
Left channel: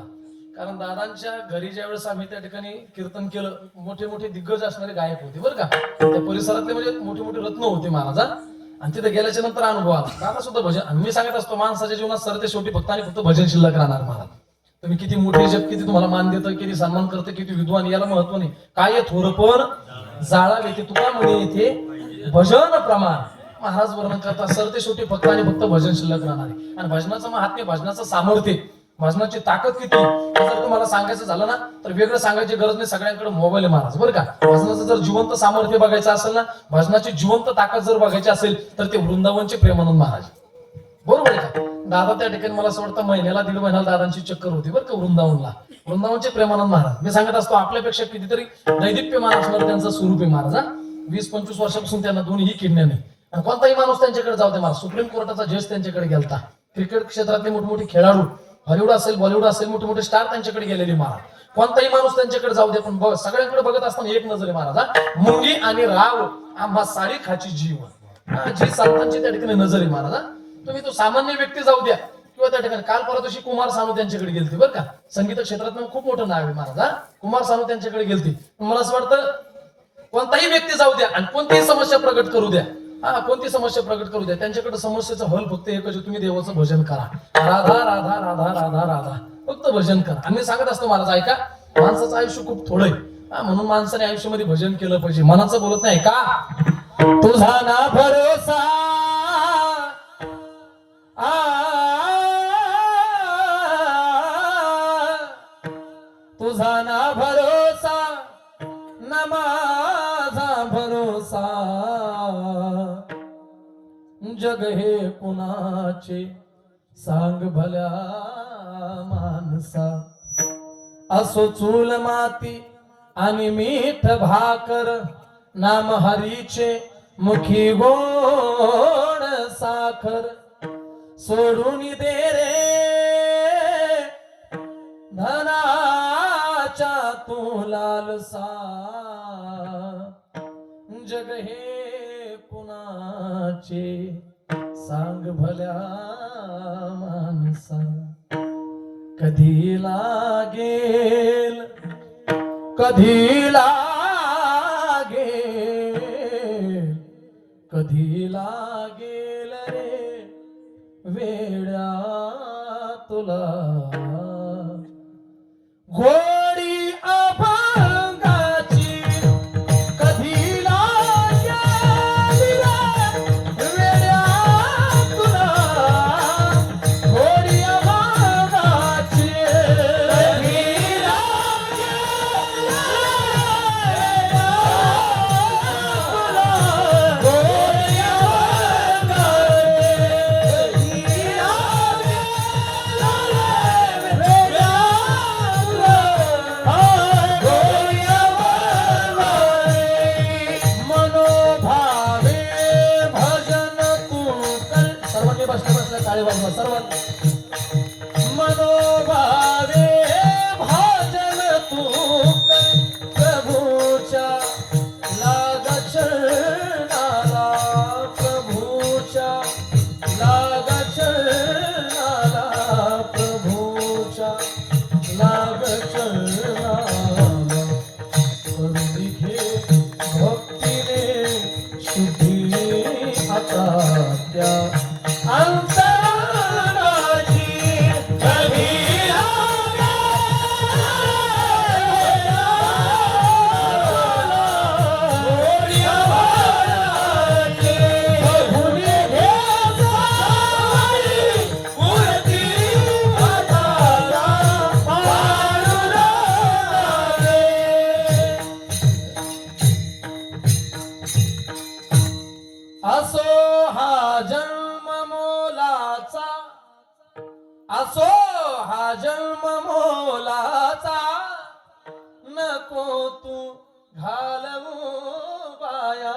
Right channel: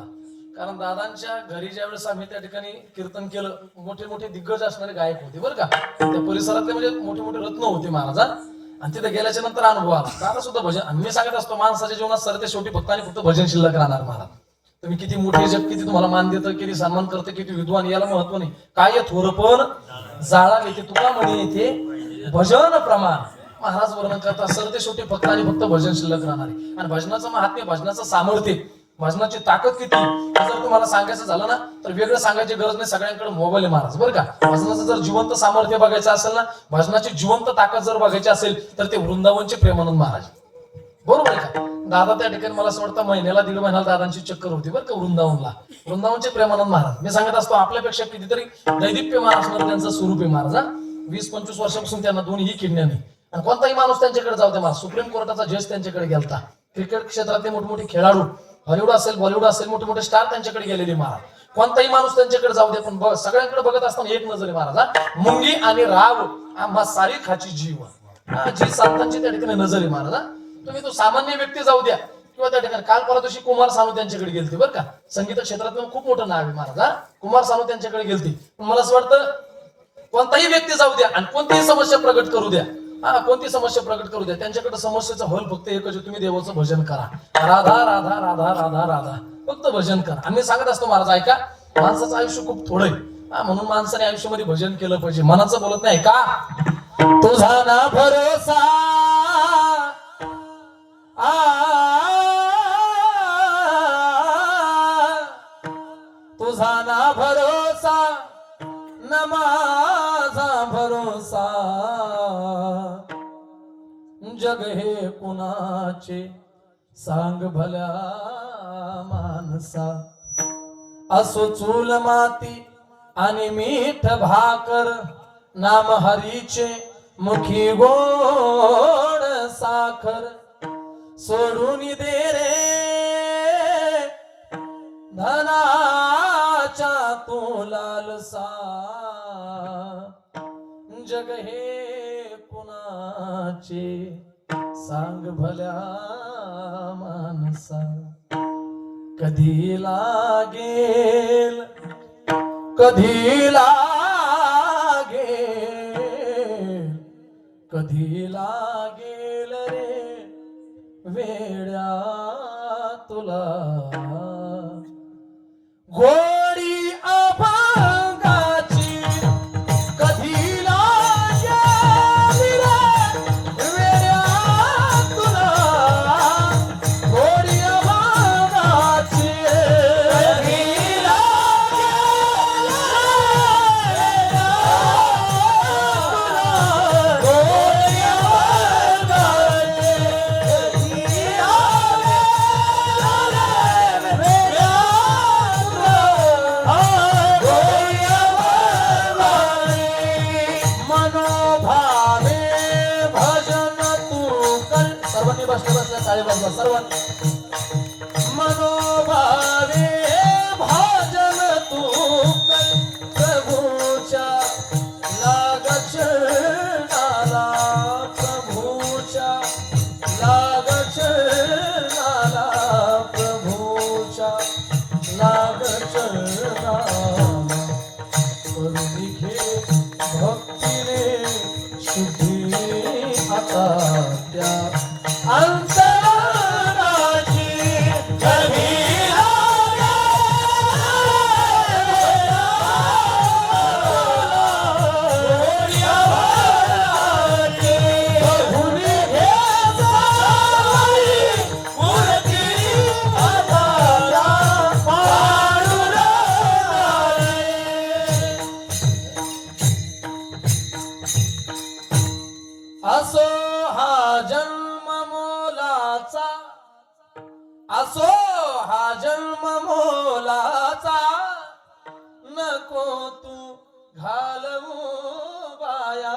कारण दादांच्या घरी ज्या वेळेस आम्ही त्या ठिकाणी कीर्तन केलं, मोठे मोठे दिग्गज असणारे गायक होते बरं का. त्या परिसरातले म्हणजे मोठे मोठे रत्न होते महाराज. आणि तिथे गेल्याच्या नंतर अनुभव आला. दादा सुद्धा भजन. मी सांगत असतो माणसाच्या जीवनात सरते शेवटी फक्त आणि फक्त भजन शिल्लक राहणार महाराज. तुम्ही किती मोठे जग, किती तुम्हाला मान देतं, किती सन्मान करतं, किती विद्वान, याला महत्व नाही. काय थोरपण जाळावे ते तुका म्हणे येथे भजन प्रमाण. महाराज वर्णन करतात सरते शेवटी फक्त आणि फक्त भजन शिल्लक राहणार आहे. आणि भजनाचं महात्म्य, भजनाचं सामर्थ्य, भजनाची ताकद किती जर तुम्हाला सांगायचं झालं ना तर वेगळं सांगायची गरज नाही. सगळ्यांकडे मोबाईल आहे महाराज बरं का. भजनाचं जर जिवंत सामर्थ्य बघायचं असेल ना, भजनाची जिवंत ताकद जर बघायची असेल तर ते वृंदावनचे प्रेमानंद महाराज. बरोबर आहे का. दादा त्या ठिकाणी मला असं वाटतं महिन्याला 1.5 महिन्याला दादांची चक्कर होती बरं का वृंदावनला. वृंदावनचे प्रेमानंद महाराज. मी सांगत असतो आपल्यापेक्षा कितीतरी दैदिप्यमान असणार त्यांचं स्वरूप आहे महाराज. 20-25 वर्षापासून त्यांना दोन्ही किडण्या नाही. आणि कोणताही माणूस त्यांच्याकडे जाऊ दे, मला सुप्रीम कोर्टाचा जज त्यांच्याकडे गेलता, क्रिकेट क्षेत्रातले मोठमोठे खेळाडू, हॉलिवूड असेल बॉलिवूड असेल, मोठे मोठे स्टार त्यांच्याकडे गेलेले महाराज. कोणताही माणूस त्यांच्याकडे जाऊ दे, पण सगळ्यांकडे बघत असताना एक नजर आहे महाराज, मुंगी आणि राव आम्हा सारी खाची जीव, जी संतांची त्या ठिकाणी नजर आहे महाराज. तुम्ही तो सामान्य व्यक्ती जाऊ द्या किंवा त्या ठिकाणी काल परवा दिवशी कुमार सानू त्यांच्याकडे गेलते बरं का, संगीत क्षेत्रात खूप मोठं नाव आहे महाराज. कुमार सानू त्यांच्याकडे गेलते. पण मला असं वाटतं कोणताही व्यक्ती जाऊ द्या आणि कोणतीही समस्या प्रकट करू द्या, कोणती समस्या प्रकट करू द्या, त्यांच्याकडे समस्येचा हल फक्त एकच आहे, तुम्ही देवाचं भजन करा. राधा राधा राधा राधा राधा फक्त भजन करा. आम्ही सांगत असतो महाराज, ऐका माणसाचं आयुष्य खूप थोडं आहे, म्हणून माणसाने आयुष्यामध्ये भजन केलं पाहिजे. मनाचं बोलत नाही का, तुझा ना भरोसा तुझा ना भरोसा न माझा भरोसा, जग हे कुणाचे सांग भल्या माणसा. असो चूल माती आणि मीठ भाकर, नाम हरीचे मुखी गोड साखर. सोडून दे रे धनाच्या तू लालसा, जग हे कुणाचे सांग भल्या माणसा. कधी लागेल कधी लागेल कधी लागेल रे वेड्या तुला, गोडी अभंगाची कधी लागेल रे वेड्या तुला, गोडी अभंगाची कधी मनोभावे भजन तू कर, प्रभूच्या लागचरणाला, प्रभूच्या लागचरणाला, प्रभूच्या लागचरणाला. करुणी घे भक्तीने शुद्धी आता त्या अंतराची, कधी असो हा जन्म मोलाचा, असो हा जन्म मोलाचा, नको तू घालवू बाया,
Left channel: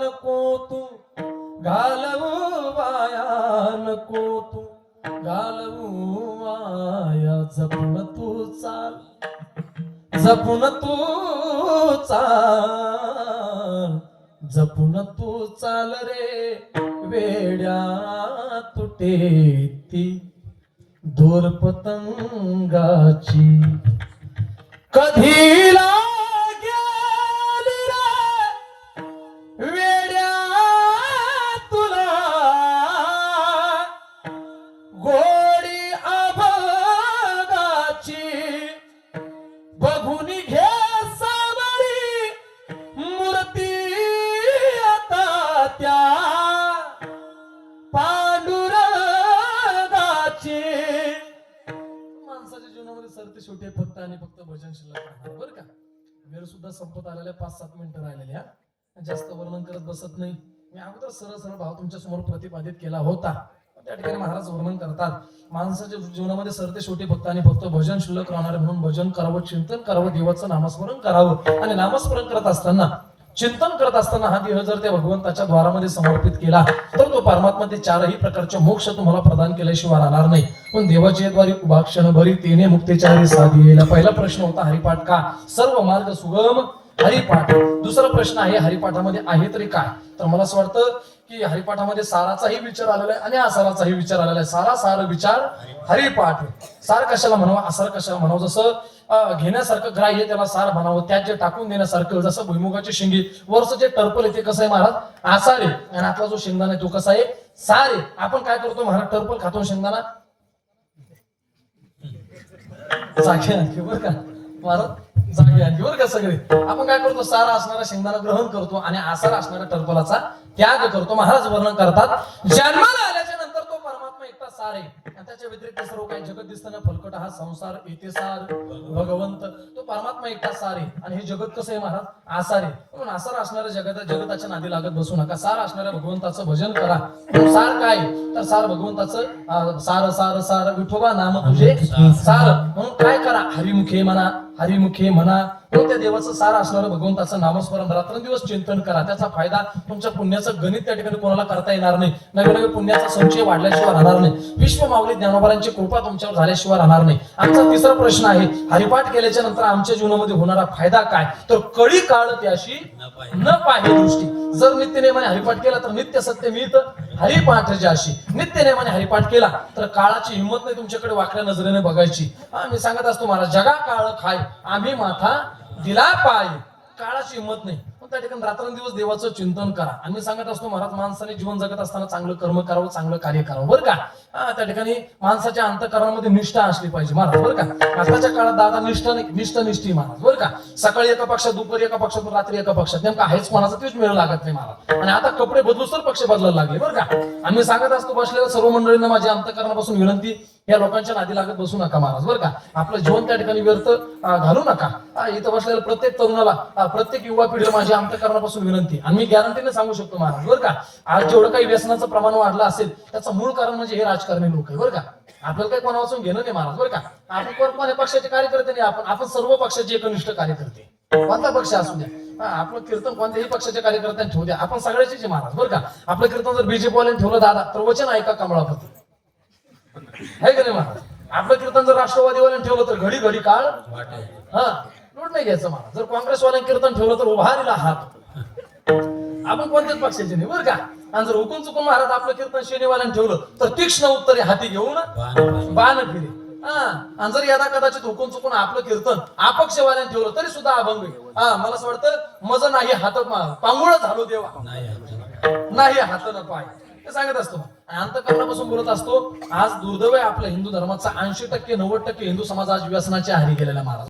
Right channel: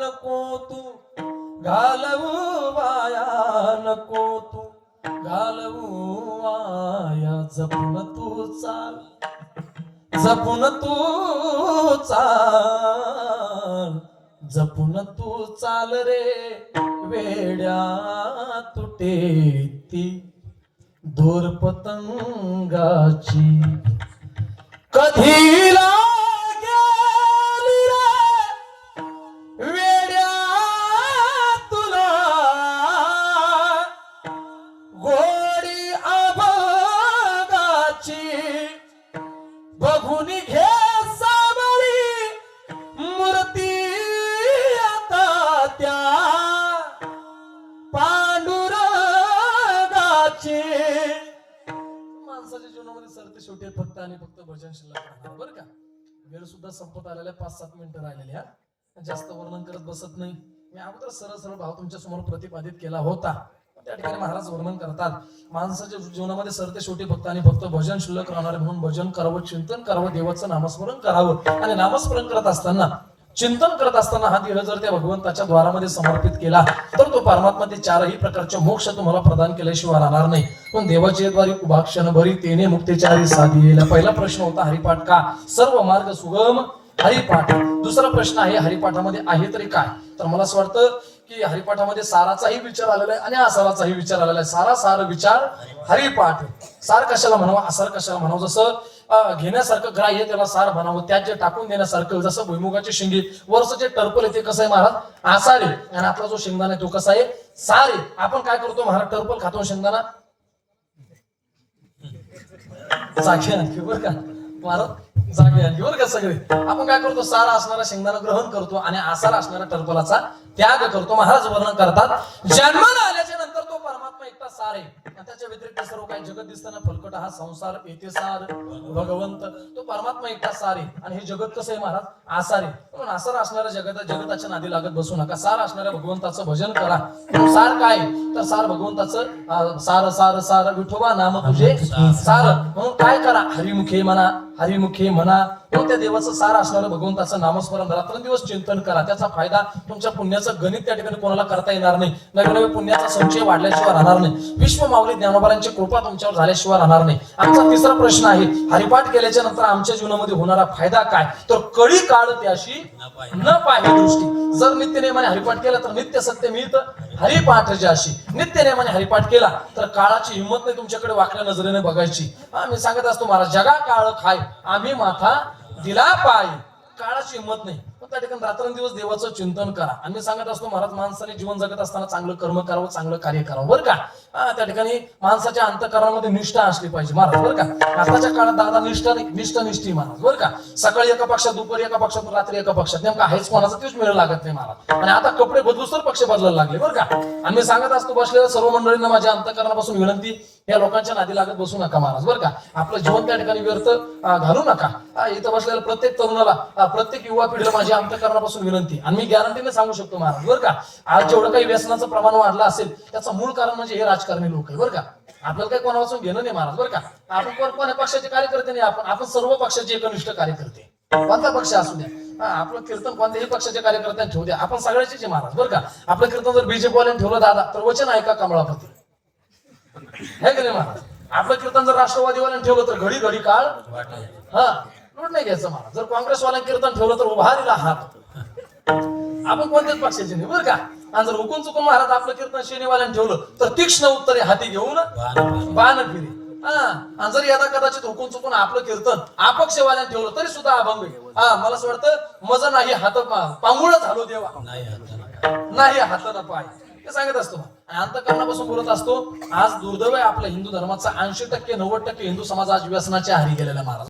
नको तू घालवू बाया, नको तू घालवू वाया. जपून तू चाल, जपून तू चाल, जपून तू चाल रे वेड्या तुटे ती दोर पतंगाची. कधी लागेल रे वेड्या तुला, गोडी अभंगाची. बघून घे सावरी मूर्ती आता त्या पांडुरंगाची. माणसाच्या जीवनामध्ये सरते शेवटी फक्त आणि फक्त भजन शिल्लक राहणार बरं का. वेळ सुद्धा संपत आलेल्या 5-7 मिनिटं राहिलेल्या, जास्त वर्णन करत बसत नाही. मी अगोदर सरळ सरळ भाव तुमच्या समोर प्रतिपादित केला होता. त्या ठिकाणी महाराज वर्णन करतात, माणसाच्या जीवनामध्ये सरते शेवटी फक्त आणि फक्त भजन शिल्लक राहणार, म्हणून भजन करावं, चिंतन करावं, देवाचं नामस्मरण करावं. आणि नामस्मरण करत असताना चिंतन करत असताना हा देह जर त्या भगवंताच्या द्वारामध्ये समर्पित केला तर तो परमात्मा ते चारही प्रकारचे मोक्ष तुम्हाला प्रदान केल्याशिवाय राहणार नाही. पण देवाच्या द्वारी उभा क्षणभरी तेने मुक्तेचारी साधिलेला. पहिला प्रश्न होता हरिपाठ का? सर्व मार्ग सुगम हरिपाठ. दुसरा प्रश्न आहे हरिपाठामध्ये आहे तरी काय? तर मला असं वाटतं की हरिपाठामध्ये साराचाही विचार आलेला आहे आणि आसाराचाही विचार आलेला आहे. सारा सार विचार हरिपाठ. सार कशाला म्हणावं, आसार कशाला म्हणावं? जसं घेण्यासारखं ग्राह्य त्याला सार म्हणावं, त्यात जे टाकून देण्यासारखं, जसं भुईमुगाची शेंगी वरचं जे टर्पल आहे ते कसं आहे महाराज? आसार आहे. आणि आपला जो शेंगदाणा आहे तो कसा आहे? सार आहे. आपण काय करतो महाराज? टर्पल खातो शेंगदाणा जागे आणखी बरं का महाराज, जागे आणखी बरं का सगळे. आपण काय करतो? सारा असणारा शेंगदाणा ग्रहण करतो आणि आसार असणाऱ्या टर्पलाचा त्याग करतो. महाराज वर्णन करतात जन्माला आल्याच्या नंतर तो परमात्मा एकटा सार आहे आणि त्याच्या व्यतिरिक्त सर्व काही जगत दिसताना फलकट हा संसार येते सार भगवंत. तो परमात्मा एकटा सार आहे आणि हे जगत कसं आहे महाराज? आसार आहे. म्हणून आसार असणाऱ्या जगताच्या नादी लागत बसू नका. सार असणाऱ्या भगवंताचं भजन करा. सार काय? तर सार भगवंताचं सार सार सार विठोबा नाम तुझे सार. म्हणून काय करा? हरिमुखे म्हणा, हरिमुखे म्हणा. त्या देवाचं सार असणारं भगवंताचं नामस्मरण रात्रंदिवस चिंतन करा. त्याचा फायदा तुमच्या पुण्याचं गणित त्या ठिकाणी कोणाला करता येणार नाही. नवीन नवीन पुण्याचा संचय वाढल्याशिवाय राहणार नाही. विश्व माऊली ज्ञानोबारांची कृपा तुमच्यावर झाल्याशिवाय राहणार नाही. आमचा तिसरा प्रश्न आहे हरिपाठ केल्याच्या नंतर आमच्या जीवनामध्ये होणारा फायदा काय? तर कळी काळ त्याशी न पाहे दृष्टी. जर नित्यनेमाने हरिपाठ केला तर नित्य सत्य मिळतं. हरिपाठ ज्याशी नित्यनेमाने हरिपाठ केला तर काळाची हिंमत नाही तुमच्याकडे वाकड्या नजरेने बघायची. आम्ही सांगत असतो महाराज जगा काळ खाय आम्ही माथा दिला पाय. काळाची हिंमत नाही. पण त्या ठिकाणी रात्रंदिवस देवाचं चिंतन करा. आणि मी सांगत असतो महाराज माणसाने जीवन जगत असताना चांगलं कर्म करावं, चांगलं कार्य करावं बरं का. त्या ठिकाणी माणसाच्या अंतःकरणामध्ये निष्ठा असली पाहिजे महाराज बरं का. आताच्या काळात दादा निष्ठी महाराज बरं का. सकाळी एका पक्षात, दुपारी एका पक्षात, रात्री एका पक्षात. नेमका आहेच कोणाचा तेच मेळ लागत नाही मला. आणि आता कपडे बदलूच तर पक्ष बदलायला लागले बरं का. आम्ही सांगत असतो बसलेल्या सर्व मंडळींना माझ्या अंतःकरणापासून विनंती, या लोकांच्या नादी लागत बसू नका महाराज बरं का. आपलं जीवन त्या ठिकाणी व्यर्थ घालू नका. इथं बसलेल्या प्रत्येक तरुणाला, प्रत्येक युवा पिढीला माझ्या अंतःकरणापासून विनंती. आणि मी गॅरंटीने सांगू शकतो महाराज बरं का, आज जेवढं काही व्यसनाचं प्रमाण वाढलं असेल त्याचं मूळ कारण म्हणजे हे राजकारणी लोक आहे बरं का. आपल्याला काही कोणापासून घेणं नाही महाराज बरं का. आपण कोणत्या पक्षाचे कार्यकर्ते नाही. आपण सर्व पक्षाचे एकनिष्ठ कार्यकर्ते. कोणता पक्ष असू द्या, आपलं कीर्तन कोणत्याही पक्षाच्या कार्यकर्त्यांनी ठेवू द्या, आपण सगळ्याचेच महाराज बरं का. आपलं कीर्तन जर बीजेपी वाल्याने ठेवलं दादा तर वचन ऐका कमळापती है का नाही महाराज. आपलं कीर्तन जर राष्ट्रवादीवाल्याने ठेवलं तर घडी घडी काळ लूट नाही घ्यायचं महाराज. जर काँग्रेसवाल्याने कीर्तन ठेवलं तर उभारीला हात. आपण कोणत्याच पक्षाचे नाही बरं का. आणि जर हुकून चुकून महाराज आपलं कीर्तन शेनीवाल्याने ठेवलं तर तीक्ष्ण उत्तरे हाती घेऊन बाण फिरे. आणि जर यदा कदाचित हुकून चुकून आपलं कीर्तन अपक्षवाल्याने ठेवलं तरी सुद्धा अभंग. मला असं वाटतं मजा नाही हात पांगुळ झालो देवा नाही हात न पाय. ते सांगत असतो अंतःकरणापासून बोलत असतो. आज दुर्दैव आहे आपल्या हिंदू धर्माचा 80% 90% हिंदू समाज आज व्यसनाच्या आहारी गेलेला महाराज.